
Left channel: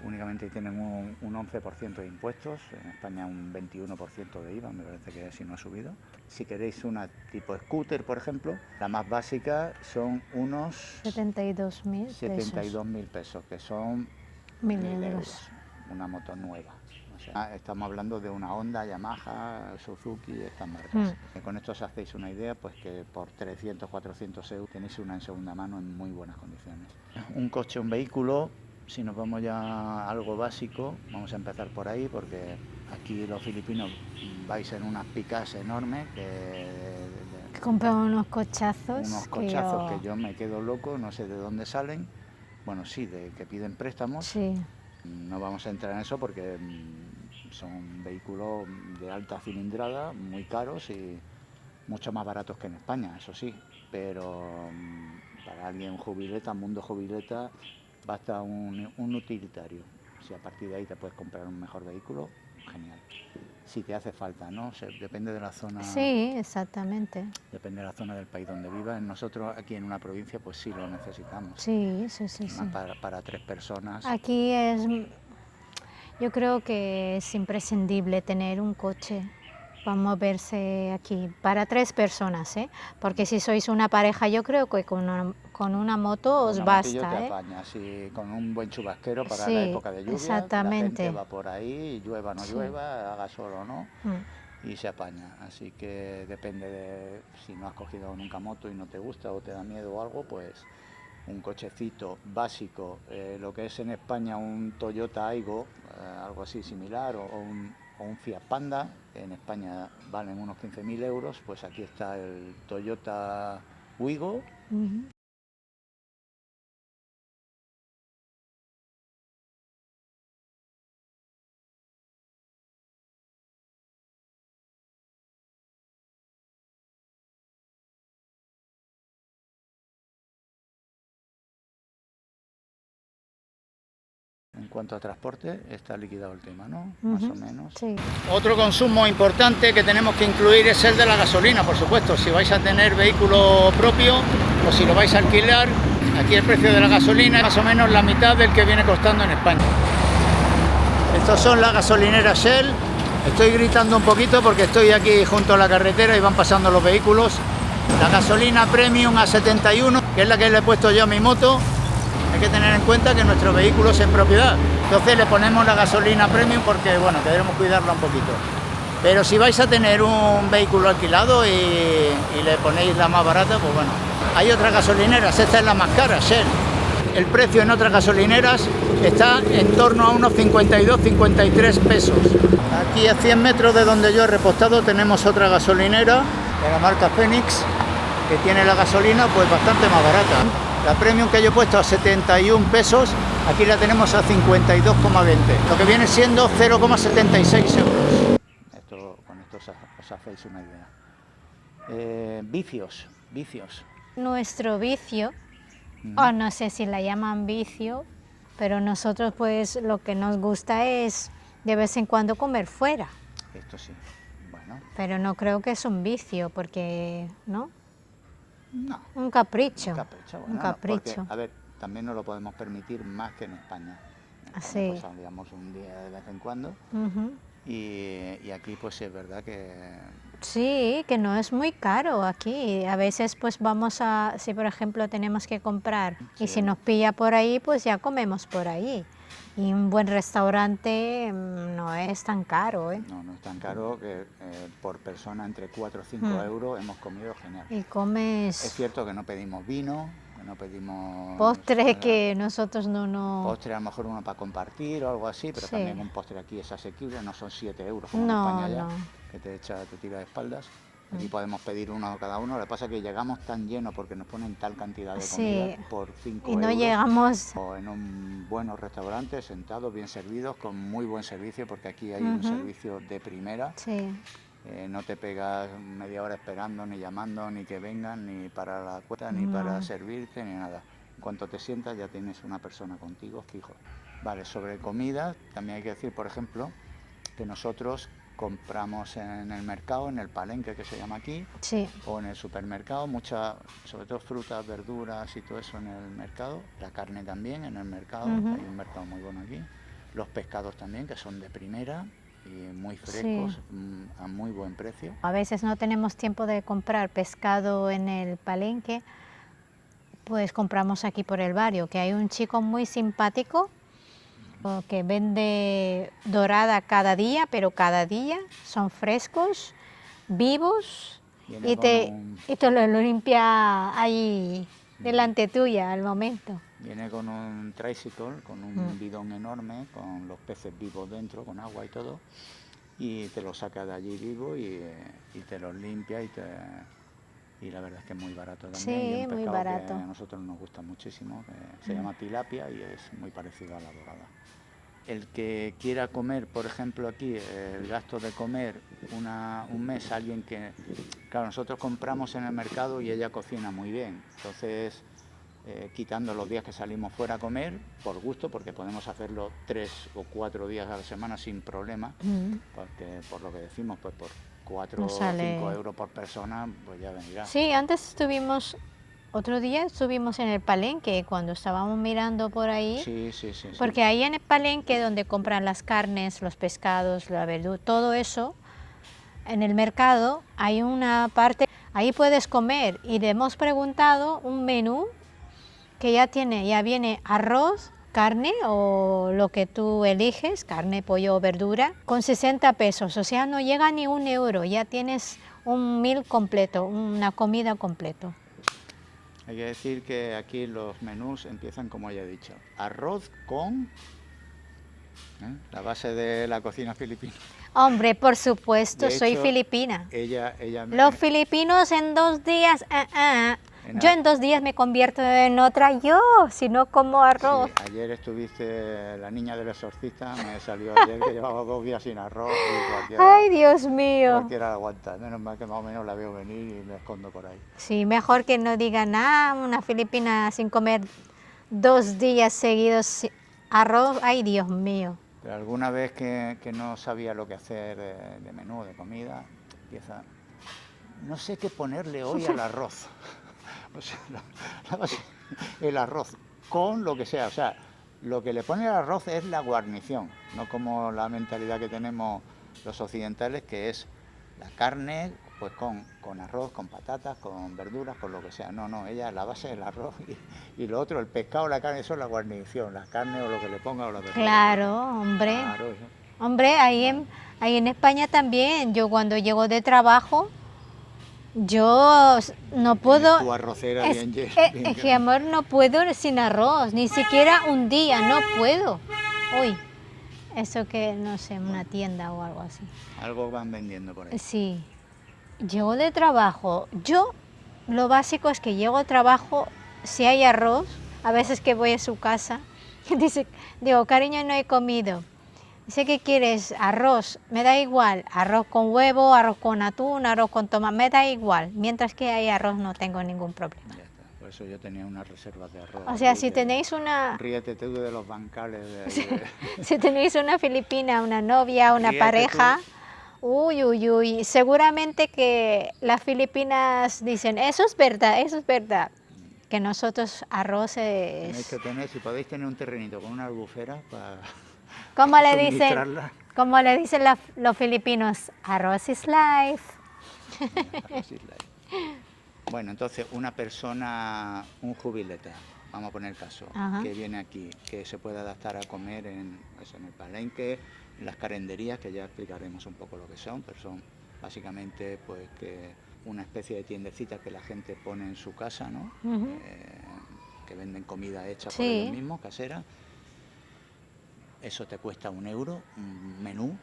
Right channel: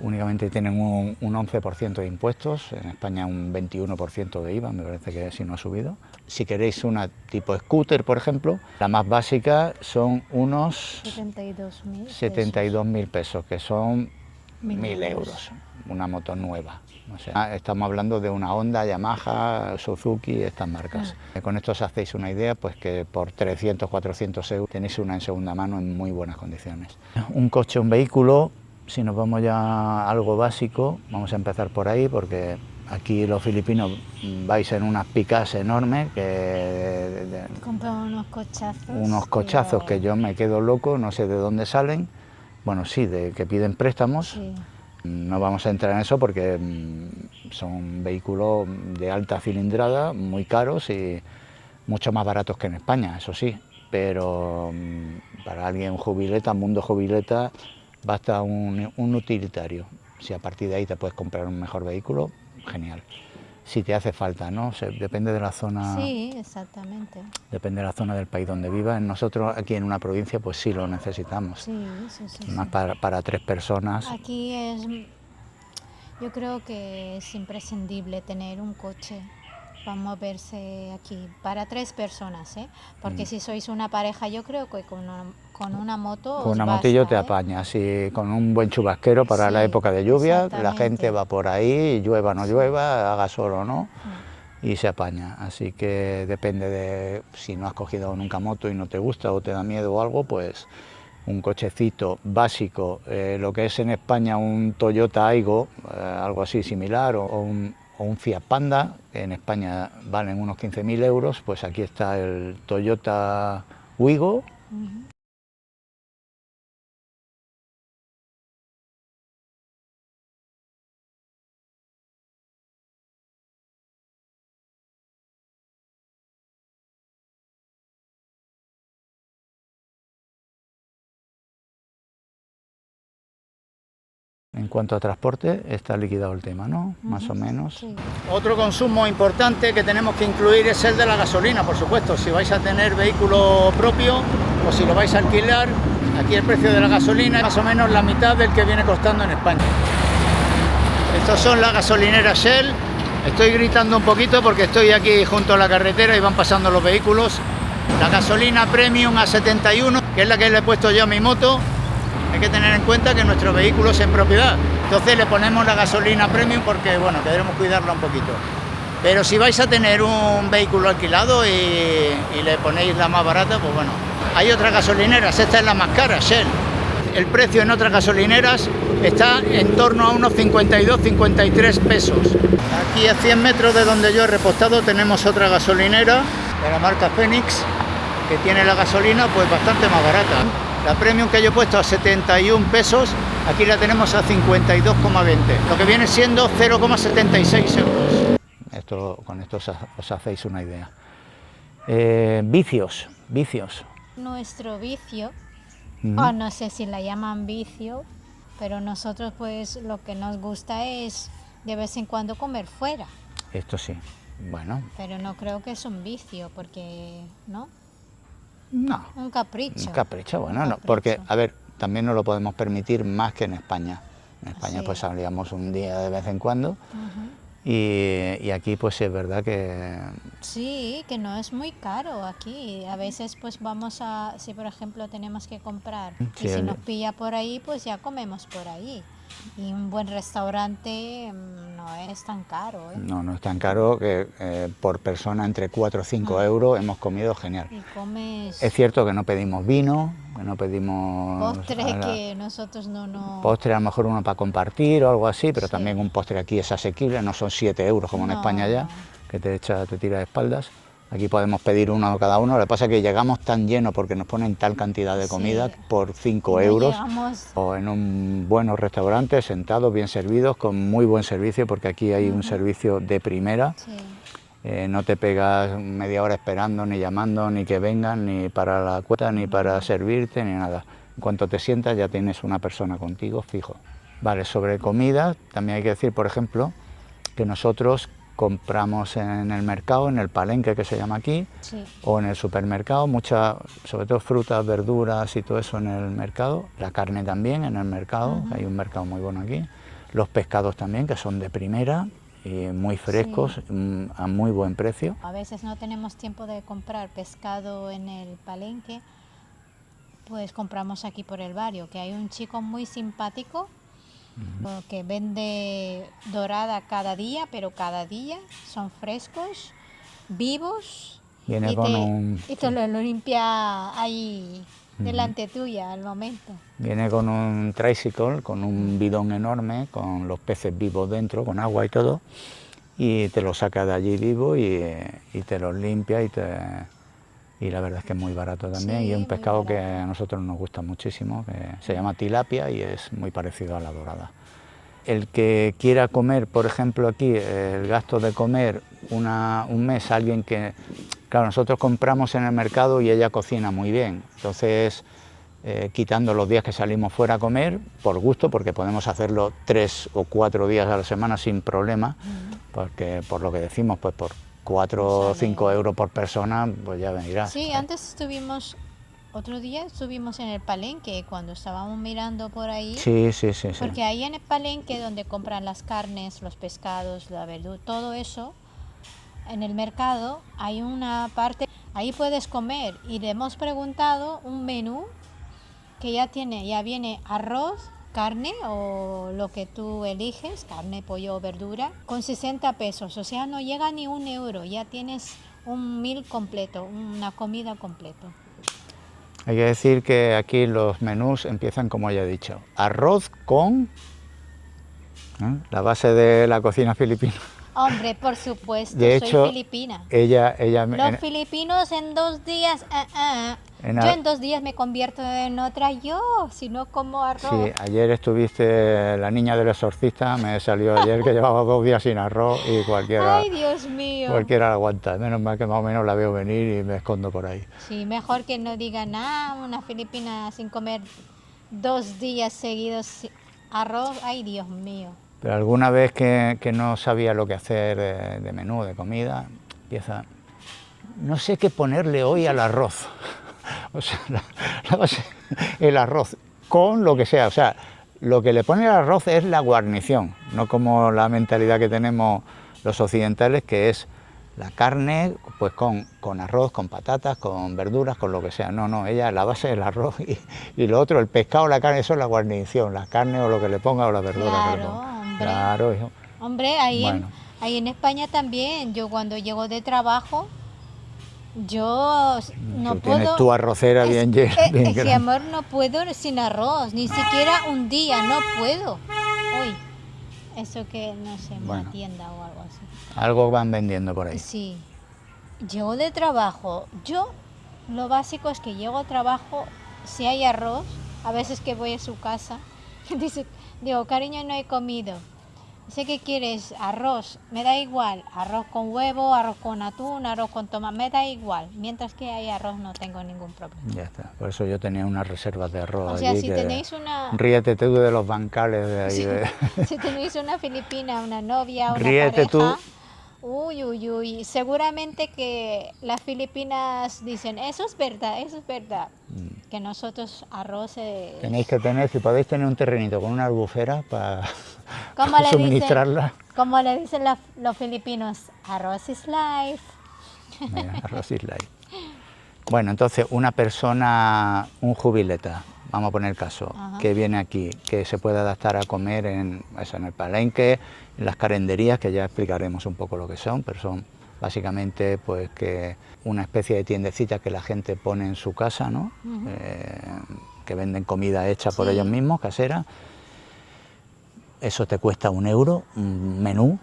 únicamente tienen un 11% de impuestos, en España un 21% de IVA, me parece que si no ha subido. Si queréis una tipo scooter, por ejemplo, la más básica son unos 72.000 pesos, que son 1.000 euros, una moto nueva. O sea, estamos hablando de una Honda, Yamaha, Suzuki, estas marcas. Con esto os hacéis una idea, pues que por 300, 400 euros tenéis una en segunda mano en muy buenas condiciones. Un coche, un vehículo, si nos vamos ya a algo básico, vamos a empezar por ahí, porque aquí los filipinos vais en unas picas enormes que compran unos cochazos. Unos cochazos que yo me quedo loco, no sé de dónde salen. Bueno, sí, de que piden préstamos. Sí. No vamos a entrar en eso porque son vehículos de alta cilindrada, muy caros y mucho más baratos que en España, eso sí. Pero para alguien jubileta, mundo jubileta, basta un utilitario. Si a partir de ahí te puedes comprar un mejor vehículo, genial. Si te hace falta, ¿no? O sea, depende de la zona. Sí, exactamente. Depende de la zona del país donde vivas. Nosotros aquí en una provincia pues sí lo necesitamos. Sí, sí, sí. Más sí. para 3 personas. Aquí yo creo que es imprescindible tener un coche para moverse aquí, para 3 personas, ¿eh? Porque si sois una pareja, yo creo que con una moto Con os una basta, motillo te apañas, y con un buen chubasquero para Sí, la época de lluvia, la exactamente. gente va por ahí, llueva o no llueva, haga sol o no, y se apaña. Así que depende de si no has cogido nunca moto y no te gusta o te da miedo o algo, pues un cochecito básico, lo que es en España un Toyota Aygo, algo así similar, o un Fiat Panda, que en España valen unos 15.000 euros, pues aquí está el Toyota Wigo. En cuanto a transporte, está liquidado el tema, ¿no? Más o menos. Sí. Otro consumo importante que tenemos que incluir es el de la gasolina, por supuesto. Si vais a tener vehículo propio o si lo vais a alquilar, aquí el precio de la gasolina es más o menos la mitad del que viene costando en España. Estas son las gasolineras Shell. Estoy gritando un poquito porque estoy aquí junto a la carretera y van pasando los vehículos. La gasolina Premium A71, que es la que le he puesto yo a mi moto. Hay que tener en cuenta que nuestro vehículo es en propiedad, entonces le ponemos la gasolina Premium porque, bueno, queremos cuidarla un poquito. Pero si vais a tener un vehículo alquilado y le ponéis la más barata, pues bueno. Hay otras gasolineras, esta es la más cara, Shell. El precio en otras gasolineras está en torno a unos 52-53 pesos. Aquí a 100 metros de donde yo he repostado tenemos otra gasolinera de la marca Phoenix, que tiene la gasolina pues bastante más barata. La Premium que yo he puesto a 71 pesos, aquí la tenemos a 52,20, lo que viene siendo 0,76 euros. Con esto os hacéis una idea. Vicios. Nuestro vicio, o no sé si la llaman vicio, pero nosotros pues lo que nos gusta es de vez en cuando comer fuera. Esto sí, bueno. Pero no creo que es un vicio, porque, ¿no? No. Un capricho. Un capricho, bueno, Un no, capricho. porque, a ver, también nos lo podemos permitir más que en España. En España Sí. pues salíamos un día de vez en cuando y aquí pues es verdad que... Sí, que no es muy caro aquí. A veces pues vamos a, si por ejemplo tenemos que comprar Sí, y si nos pilla por ahí, pues ya comemos por ahí. Y un buen restaurante no es tan caro, ¿eh? No es tan caro, que por persona entre 4 o 5 euros hemos comido genial. Y comes Es cierto que no pedimos vino, que no pedimos... postre que nosotros no... Postre a lo mejor uno para compartir o algo así, pero Sí. también un postre aquí es asequible, no son 7 euros como en No, España ya, no. que te tira de espaldas. Aquí podemos pedir uno cada uno, lo que pasa es que llegamos tan llenos porque nos ponen tal cantidad de comida Sí. por 5 No euros. llegamos... O en un buenos restaurantes, sentados, bien servidos, con muy buen servicio, porque aquí hay un servicio de primera. Sí. no te pegas media hora esperando, ni llamando, ni que vengan, ni para la cuenta, ni para servirte, ni nada. En cuanto te sientas ya tienes una persona contigo fijo. Vale, sobre comida, también hay que decir, por ejemplo, que nosotros compramos en el mercado, en el palenque que se llama aquí, Sí. o en el supermercado, muchas, sobre todo frutas, verduras y todo eso en el mercado, la carne también en el mercado, hay un mercado muy bueno aquí, los pescados también, que son de primera y muy frescos, a muy buen precio. A veces no tenemos tiempo de comprar pescado en el palenque, pues compramos aquí por el barrio, que hay un chico muy simpático que vende dorada cada día, pero cada día son frescos, vivos, Viene y con un... y te lo limpia ahí delante tuya al momento. Viene con un tricycle, con un bidón enorme, con los peces vivos dentro, con agua y todo, y te los saca de allí vivo y te los limpia y la verdad es que es muy barato también, Sí, y un muy pescado que barato. a nosotros nos gusta muchísimo, que se llama tilapia y es muy parecido a la dorada. El que quiera comer, por ejemplo, aquí, el gasto de comer un mes, alguien que... Claro, nosotros compramos en el mercado y ella cocina muy bien, entonces... quitando los días que salimos fuera a comer, por gusto, porque podemos hacerlo 3 o 4 días a la semana sin problema, porque por lo que decimos, pues por 4 o 5 euros por persona, pues ya venirás. Sí, antes estuvimos, otro día estuvimos en el palenque, cuando estábamos mirando por ahí, Sí, sí, sí. porque ahí en el palenque donde compran las carnes, los pescados, la verdura, todo eso, en el mercado hay una parte, ahí puedes comer, y le hemos preguntado un menú que ya viene arroz, carne o lo que tú eliges, carne, pollo o verdura, con 60 pesos, o sea, no llega ni 1 euro, ya tienes un meal completo, una comida completa. Hay que decir que aquí los menús empiezan, como ya he dicho, arroz con la base de la cocina filipina. Hombre, por supuesto, De soy hecho, filipina. Los filipinos en 2 días, yo en 2 días me convierto en otra yo, si no como arroz. Sí, ayer estuviste la niña del exorcista, me salió ayer que llevaba 2 días sin arroz y Ay, Dios mío. cualquiera aguanta. Menos mal que más o menos la veo venir y me escondo por ahí. Sí, mejor que no diga nada, una filipina sin comer 2 días seguidos arroz, ay, Dios mío. Pero alguna vez que no sabía lo que hacer de menú, de comida, empieza, no sé qué ponerle hoy al arroz. O sea, el arroz con lo que sea. O sea, lo que le pone al arroz es la guarnición, no como la mentalidad que tenemos los occidentales, que es la carne pues con arroz, con patatas, con verduras, con lo que sea. No, no, ella la base es el arroz y lo otro, el pescado, la carne, eso es la guarnición, la carne o lo que le ponga o la verdura. Claro, hombre. Claro, hijo. Hombre, ahí en España también, yo cuando llego de trabajo, yo no Tú puedo... tienes tu arrocera bien llena. Es que, amor, no puedo sin arroz, ni siquiera un día, no puedo. Uy, eso que, no sé, una tienda o algo así. Algo van vendiendo por ahí. Sí. Llego de trabajo. Yo, lo básico es que llego a trabajo, si hay arroz, a veces que voy a su casa, digo, cariño, no he comido. Dice, ¿qué quieres? Arroz. Me da igual. Arroz con huevo, arroz con atún, arroz con tomate, me da igual. Mientras que hay arroz no tengo ningún problema. Ya está. Por eso yo tenía unas reservas de arroz. O sea, allí si tenéis una... Ríete tú de los bancales de ahí. Si tenéis una filipina, una novia, una Ríete pareja... Uy, uy, uy, seguramente que las filipinas dicen, eso es verdad, que nosotros arroz es... Tenéis que tener, si podéis tener un terrenito con una albufera para suministrarla. ¿Cómo le dicen los filipinos? Arroz is life. Arroz is life. Bueno, entonces una persona, un jubileta, vamos a poner el caso, que viene aquí, que se puede adaptar a comer en el palenque, en las carenderías, que ya explicaremos un poco lo que son, pero son básicamente pues que una especie de tiendecita que la gente pone en su casa, ¿no? Que venden comida hecha por ellos mismos, casera. Eso te cuesta 1 euro, un menú.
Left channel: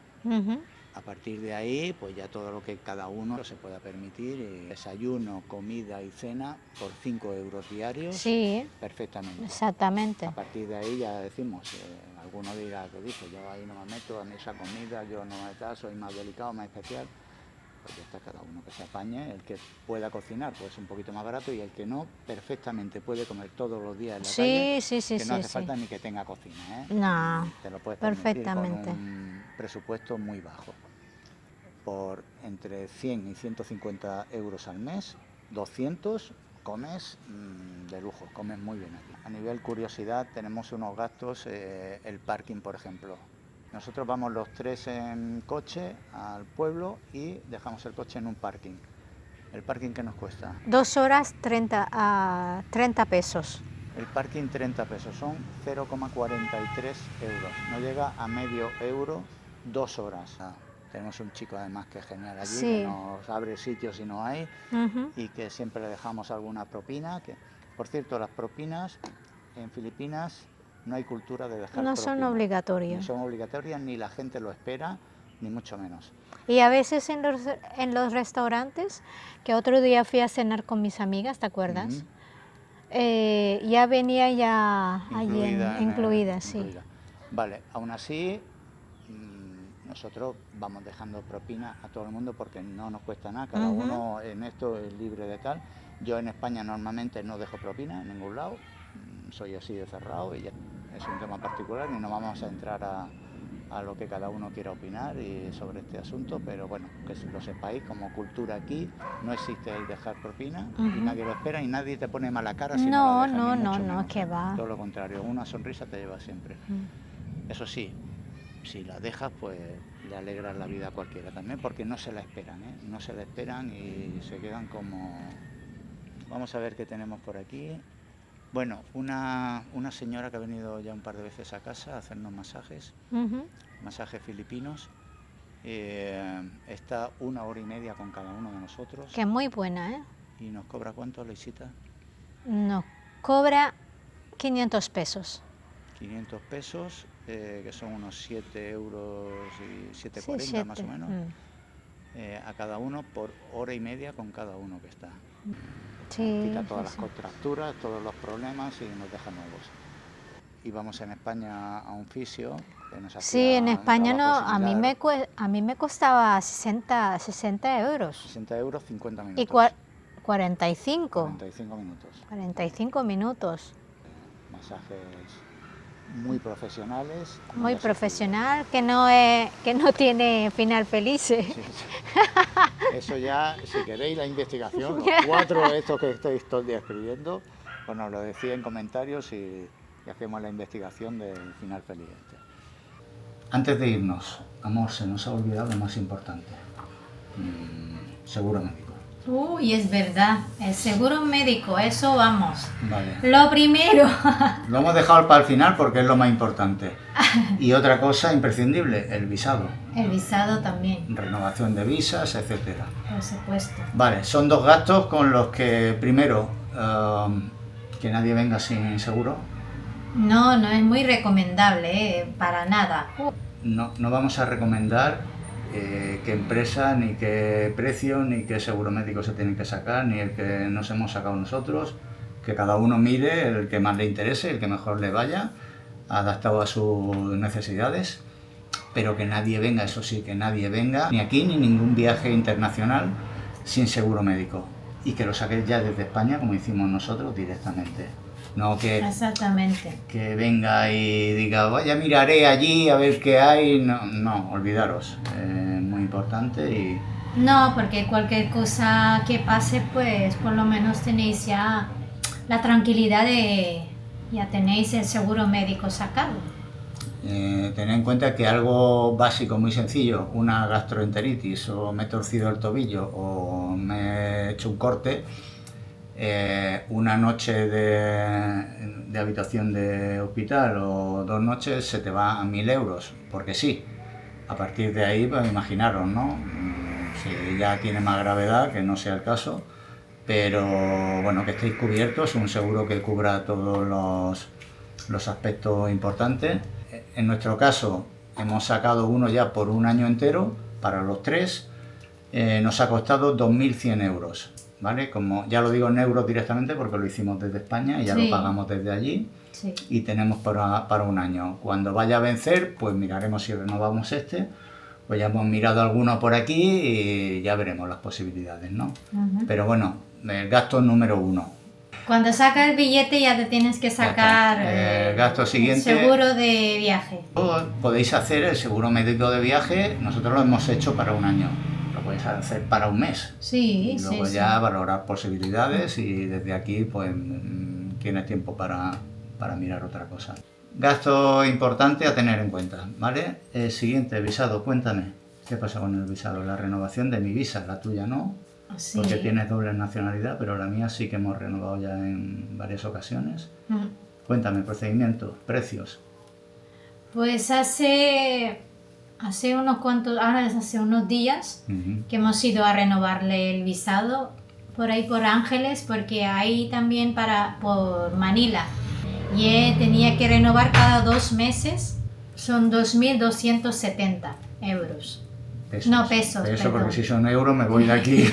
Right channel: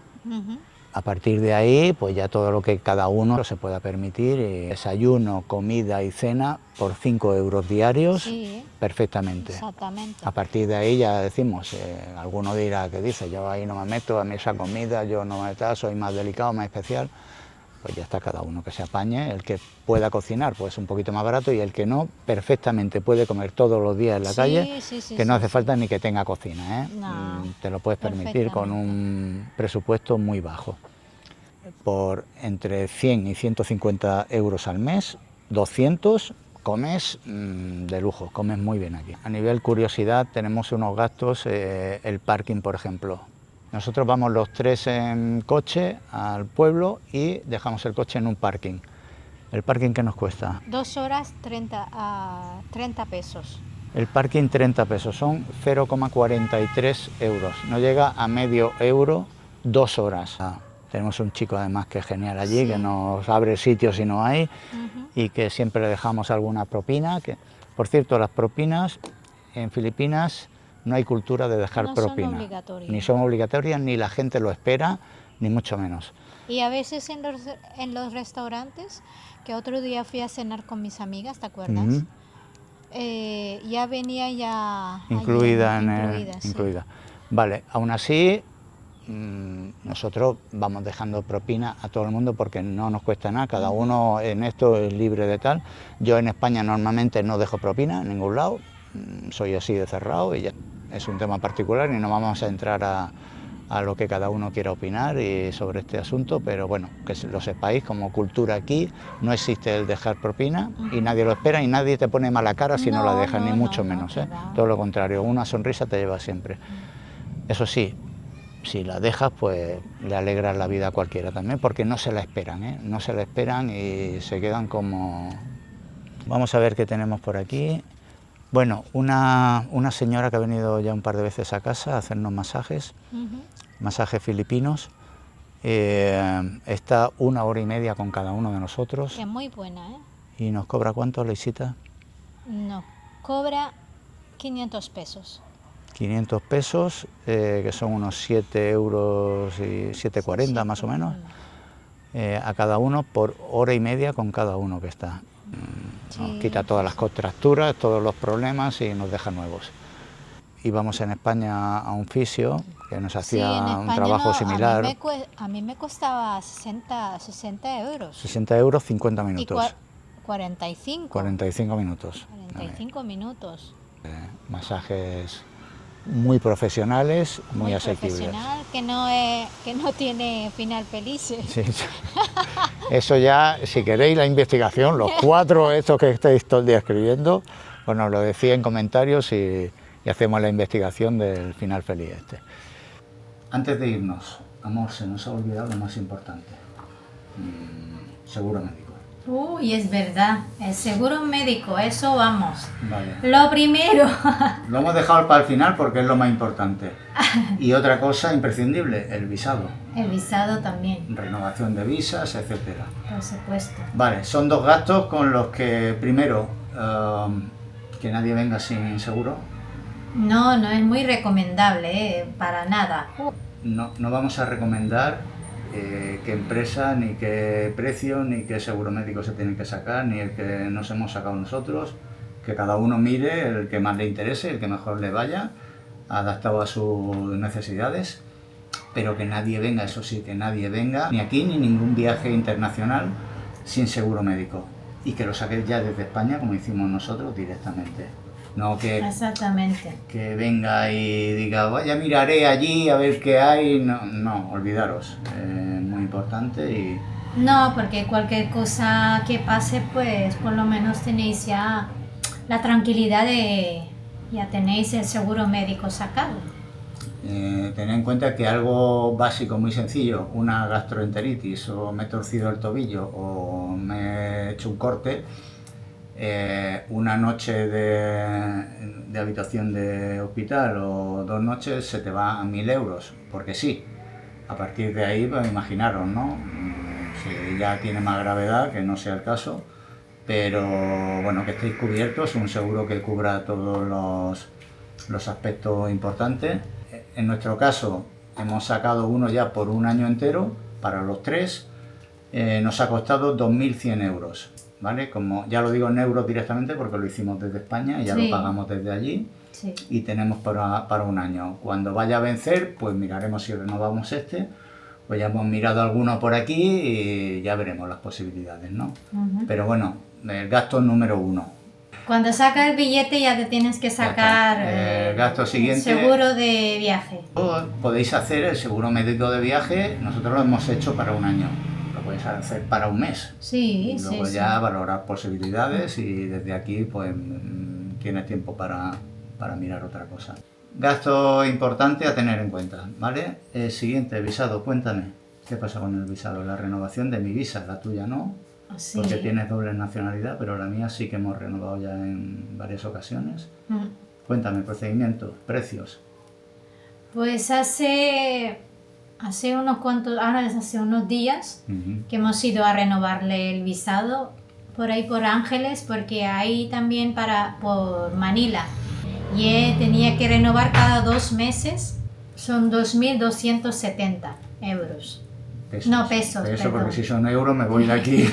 A partir de ahí, pues ya todo lo que cada uno se pueda permitir, desayuno, comida y cena por 5 euros diarios, perfectamente. Exactamente. A partir de ahí ya decimos, alguno dirá que dice, yo ahí no me meto, a mí esa comida, yo no me meto, soy más delicado, más especial. pues ya está, cada uno que se apañe. El que pueda cocinar, pues un poquito más barato, y el que no, perfectamente puede comer todos los días en la calle, que no hace falta ni que tenga cocina, ¿eh? No, te lo puedes permitir con un presupuesto muy bajo. Por entre 100 y 150 euros al mes, 200, comes de lujo, comes muy bien aquí. A nivel curiosidad, tenemos unos gastos, el parking, por ejemplo. Nosotros vamos los 3 en coche al pueblo y dejamos el coche en un parking. ¿El parking qué nos cuesta? 2 horas 30 pesos. El parking 30 pesos, son 0,43 euros. No llega a medio euro 2 horas. Tenemos un chico además que es genial allí, que nos abre sitios si no hay, y que siempre le dejamos alguna propina. Que, por cierto, las propinas en Filipinas no hay cultura de dejar propina. No son obligatorias. Ni son obligatorias, ni la gente lo espera, ni mucho menos. Y a veces en los restaurantes, que otro día fui a cenar con mis amigas, ¿te acuerdas? Ya venía ya incluida. Sí. Incluida. Vale, aún así nosotros vamos dejando propina a todo el mundo porque no nos cuesta nada, cada uno en esto es libre de tal. Yo en España normalmente no dejo propina en ningún lado, soy así de cerrado y ya es un tema particular y no vamos a entrar a lo que cada uno quiera opinar y sobre este asunto, pero bueno, que lo sepáis, como cultura aquí no existe el dejar propina y nadie lo espera y nadie te pone mala cara si no la dejas, ni mucho menos. Todo lo contrario, una sonrisa te lleva siempre. Eso sí, si la dejas, pues le alegras la vida a cualquiera también, porque no se la esperan, ¿eh? No se la esperan y se quedan como... Vamos a ver qué tenemos por aquí. Bueno, una señora que ha venido ya un par de veces a casa a hacernos masajes, masajes filipinos. Está 1 hora y media con cada uno de nosotros. Que es muy buena, ¿eh? ¿Y nos cobra cuánto, Leisita? No, cobra 500 pesos. 500 pesos, que son unos 7 euros y 7,40 más o menos, a cada uno por hora y media con cada uno que está. Nos quita todas las contracturas, todos los problemas y nos deja nuevos. Íbamos en España a un fisio que nos hacía un trabajo similar. A mí me costaba 60 euros. 60 euros, 50 minutos. Y 45. 45 minutos. 45 minutos. Masajes muy profesionales, muy profesional, que no tiene final feliz. Sí. Eso ya, si queréis la investigación, los 4 estos que estáis todo el día escribiendo, pues nos lo decís en comentarios y hacemos la investigación del final feliz este. Antes de irnos, amor, se nos ha olvidado lo más importante. Seguro médico. Uy, es verdad, el seguro médico, eso vamos. Vale. Lo primero. Lo hemos dejado para el final porque es lo más importante. Y otra cosa imprescindible, el visado. El visado también. Renovación de visas, etcétera. Por supuesto. Vale, son 2 gastos con los que, primero, que nadie venga sin seguro. No es muy recomendable, para nada. No vamos a recomendar qué empresa, ni qué precio, ni qué seguro médico se tiene que sacar, ni el que nos hemos sacado nosotros, que cada uno mire el que más le interese, el que mejor le vaya, adaptado a sus necesidades, pero que nadie venga, eso sí, que nadie venga, ni aquí ni ningún viaje internacional sin seguro médico, y que lo saques ya desde España, como hicimos nosotros, directamente. No que venga y diga, vaya, miraré allí a ver qué hay. No, olvidaros. Muy importante y... No, porque cualquier cosa que pase, pues por lo menos tenéis ya la tranquilidad de... Ya tenéis el seguro médico sacado. Tened en cuenta que algo básico, muy sencillo, una gastroenteritis, o me he torcido el tobillo, o me he hecho un corte... una noche de habitación de hospital o 2 noches se te va a 1.000 euros, porque sí. A partir de ahí, pues imaginaros, ¿no? Si ya tiene más gravedad, que no sea el caso, pero bueno, que estéis cubiertos, un seguro que cubra todos los aspectos importantes. En nuestro caso, hemos sacado uno ya por 1 año entero, para los 3, nos ha costado 2.100 euros. ¿Vale? Como ya lo digo en euros directamente porque lo hicimos desde España y ya lo pagamos desde allí y tenemos para 1 año. Cuando vaya a vencer, pues miraremos si renovamos este Pues ya hemos mirado alguno por aquí y ya veremos las posibilidades, ¿no? Pero bueno, el gasto número 1. Cuando sacas el billete ya te tienes que sacar el gasto siguiente, seguro de viaje. Podéis hacer el seguro médico de viaje, nosotros lo hemos hecho para un año. Lo podéis hacer para un mes. Sí, y luego ya valorar posibilidades y desde aquí pues tienes tiempo para mirar otra cosa. Gasto importante a tener en cuenta, ¿vale? Siguiente, visado, cuéntame. ¿Qué pasa con el visado? La renovación de mi visa, la tuya no, sí. Porque tienes doble nacionalidad, pero la mía sí que hemos renovado ya en varias ocasiones. Cuéntame, procedimiento, precios. Pues hace unos días que hemos ido a renovarle el visado por ahí por Ángeles, porque hay también por Manila. Y tenía que renovar cada 2 meses, son 2.270 euros. Pesos. No, pesos. Eso, porque si son euros me voy de aquí,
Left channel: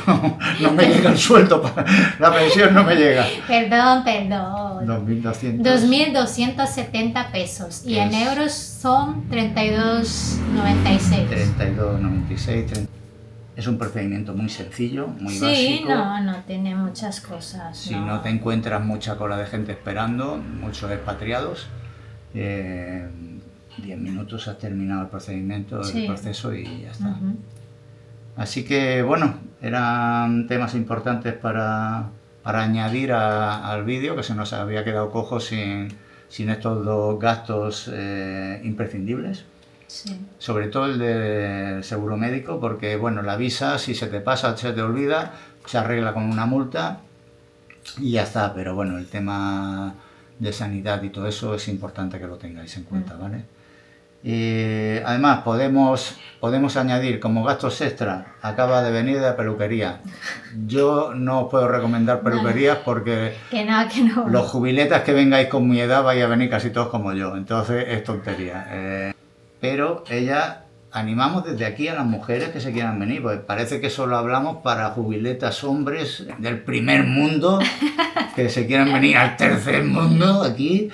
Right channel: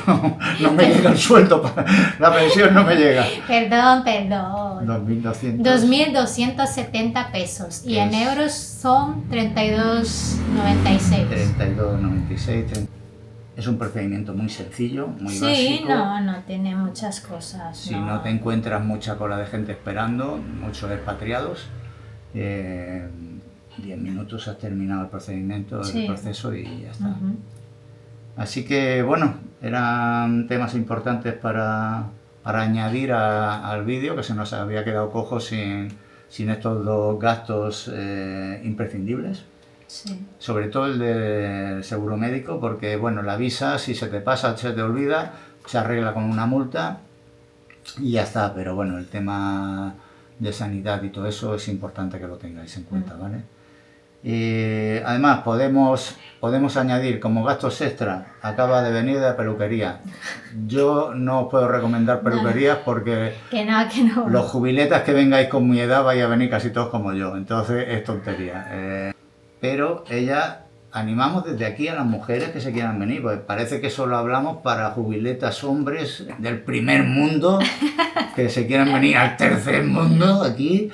no me llega el sueldo, la pensión no me llega. Perdón. 2.270 pesos. Y en euros son 32,96. 32,96. Es un procedimiento muy sencillo, muy básico. Sí, no tiene muchas cosas. Si no te encuentras mucha cola de gente esperando, muchos expatriados, 10 minutos has terminado el procedimiento, el proceso y ya está. Así que bueno, eran temas importantes para añadir al vídeo, que se nos había quedado cojo sin estos 2 gastos imprescindibles. Sí. Sobre todo el del seguro médico, porque bueno, la visa, si se te pasa, se te olvida, se arregla con una multa y ya está. Pero bueno, el tema de sanidad y todo eso es importante que lo tengáis en cuenta, ¿vale? Además podemos añadir como gastos extra, acaba de venir de la peluquería. Yo no os puedo recomendar peluquerías porque que no. Los jubiletas que vengáis con mi edad vais a venir casi todos como yo, entonces es tontería. Pero animamos desde aquí a las mujeres que se quieran venir, pues parece que solo hablamos para jubiletas hombres del primer mundo que se quieran venir al tercer mundo aquí,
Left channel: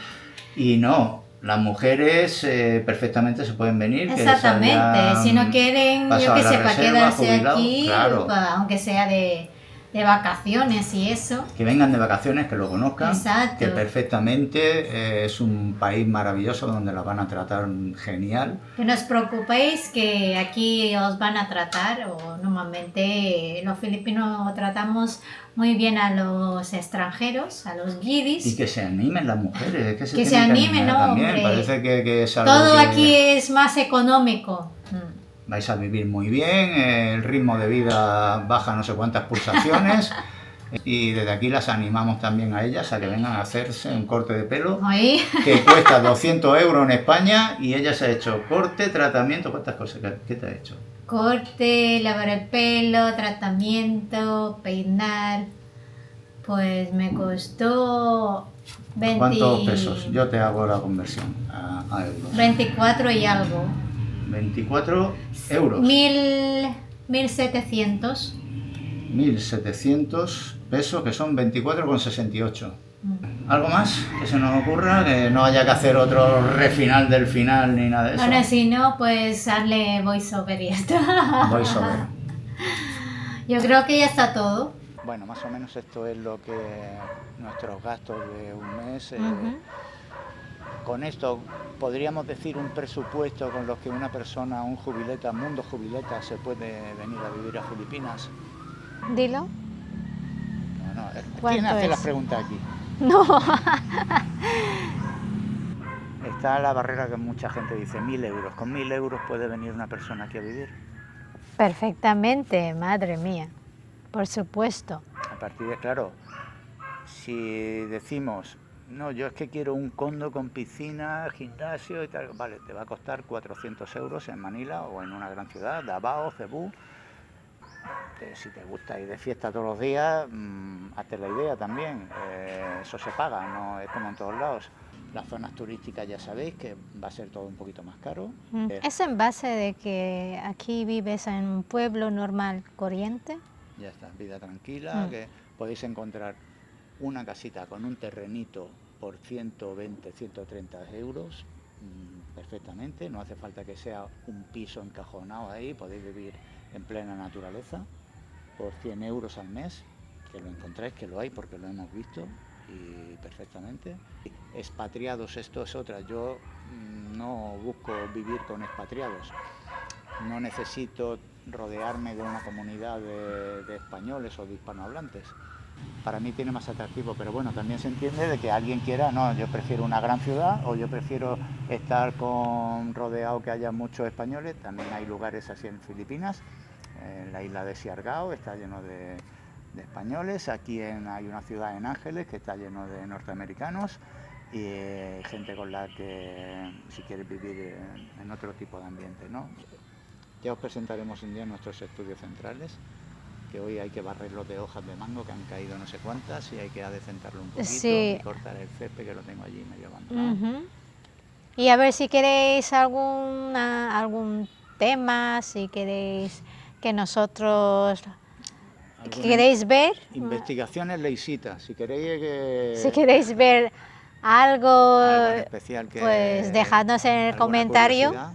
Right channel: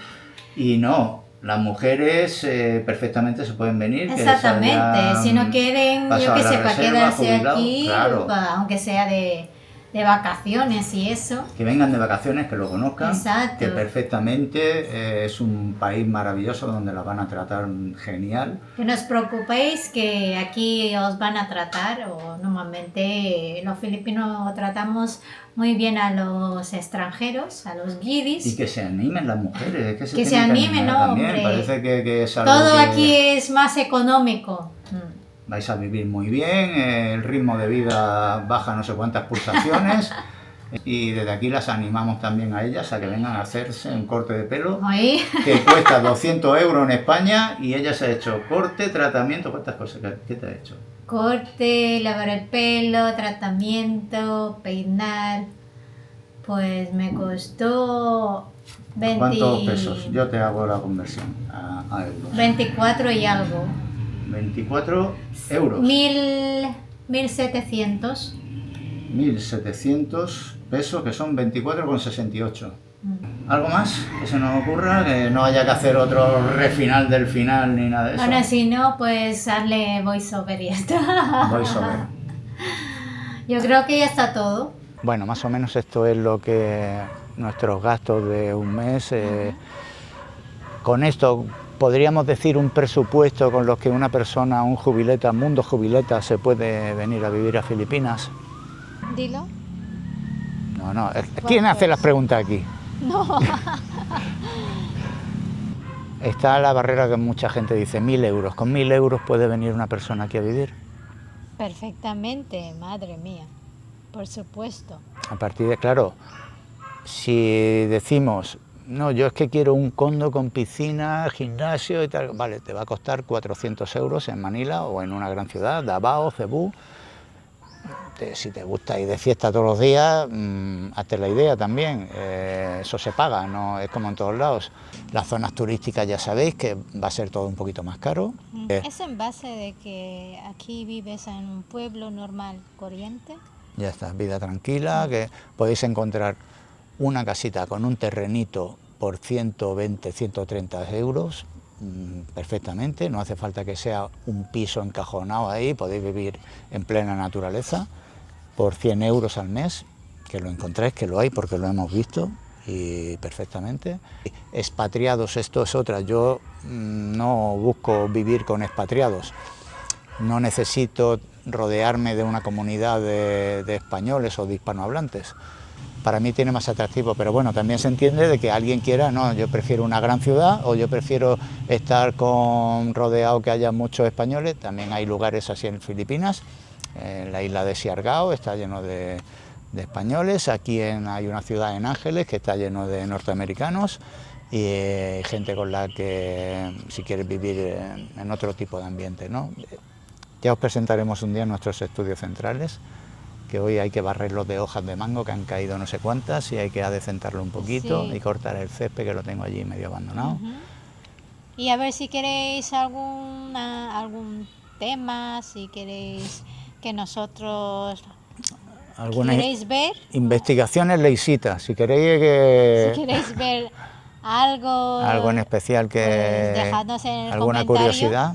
y no, las mujeres perfectamente se pueden venir. Exactamente, si no quieren, yo que sé, para quedarse aquí, claro. Aunque sea de vacaciones y eso. Que vengan de vacaciones, que lo conozcan. Exacto. Que perfectamente es un país maravilloso donde las van a tratar genial. Que no os preocupéis que aquí os van a tratar, o normalmente los filipinos tratamos muy bien a los extranjeros, a los guiris. Y que se animen las mujeres, que se animen, no, hombre. Parece que es algo todo aquí es más económico. Vais a vivir muy bien, el ritmo de vida baja no sé cuántas pulsaciones y desde aquí las animamos también a ellas a que vengan a hacerse un corte de pelo. ¿Oí? Que cuesta 200 euros en España y ella se ha hecho corte, tratamiento, ¿cuántas cosas? ¿Qué te ha hecho? Corte, lavar el pelo, tratamiento, peinar, pues me costó 20... ¿Cuántos pesos? Yo te hago la conversión a euros. 24 y algo. 24 euros. 1.700. 1.700 pesos, que son 24,68. ¿Algo más que se nos ocurra? Que no haya que hacer otro refinal del final ni nada de eso. Bueno, si no, pues hazle voiceover y ya está. Voiceover. Yo creo que ya está todo. Bueno, más o menos esto es lo que nuestros gastos de un mes. Con esto podríamos decir un presupuesto con los que una persona, un jubileta, mundo jubileta, se puede venir a vivir a Filipinas. Dilo. No. ¿Quién hace las preguntas aquí? No. Está la barrera que mucha gente dice, 1.000 euros. ¿Con 1.000 euros puede venir una persona aquí a vivir? Perfectamente, madre mía. Por supuesto. A partir de, claro, si decimos, no, yo es que quiero un condo con piscina, gimnasio y tal, vale, te va a costar 400 euros en Manila o en una gran ciudad, Davao, Cebú. Si te gusta ir de fiesta todos los días, hazte la idea también, eso se paga, no es como en todos lados. Las zonas turísticas ya sabéis que va a ser todo un poquito más caro. ¿Es en base de que aquí vives en un pueblo normal, corriente? Ya está, vida tranquila, que podéis encontrar una casita con un terrenito por 120, 130 euros, perfectamente, no hace falta que sea un piso encajonado ahí, podéis vivir en plena naturaleza por 100 euros al mes, que lo encontráis, que lo hay porque lo hemos visto y perfectamente. Expatriados, esto es otra, yo no busco vivir con expatriados, no necesito rodearme de una comunidad de españoles o de hispanohablantes. Para mí tiene más atractivo, pero bueno, también se entiende de que alguien quiera, no, yo prefiero una gran ciudad o yo prefiero estar rodeado que haya muchos españoles. También hay lugares así en Filipinas, en la isla de Siargao está lleno de españoles, aquí hay una ciudad en Ángeles que está lleno de norteamericanos y gente con la que si quieres vivir en otro tipo de ambiente, ¿no? Ya os presentaremos un día nuestros estudios centrales, que hoy hay que barrerlos de hojas de mango que han caído no sé cuántas y hay que adecentarlo un poquito y cortar el césped que lo tengo allí medio abandonado. Y a ver si queréis algún tema, si queréis que nosotros queréis ver. Investigaciones leisitas, si queréis Si queréis ver algo en especial que pues dejadnos en el alguna comentario. Curiosidad.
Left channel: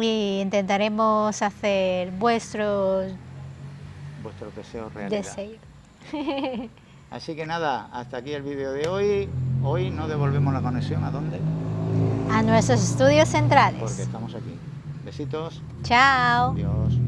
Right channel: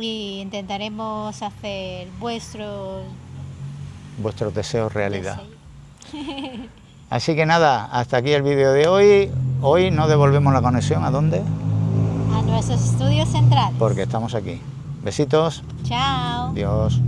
Y intentaremos hacer vuestros deseos realidad. deseos. Así que nada, hasta aquí el vídeo de hoy. Hoy no devolvemos la conexión, ¿a dónde? A nuestros estudios centrales. Porque estamos aquí. Besitos. Chao. Adiós.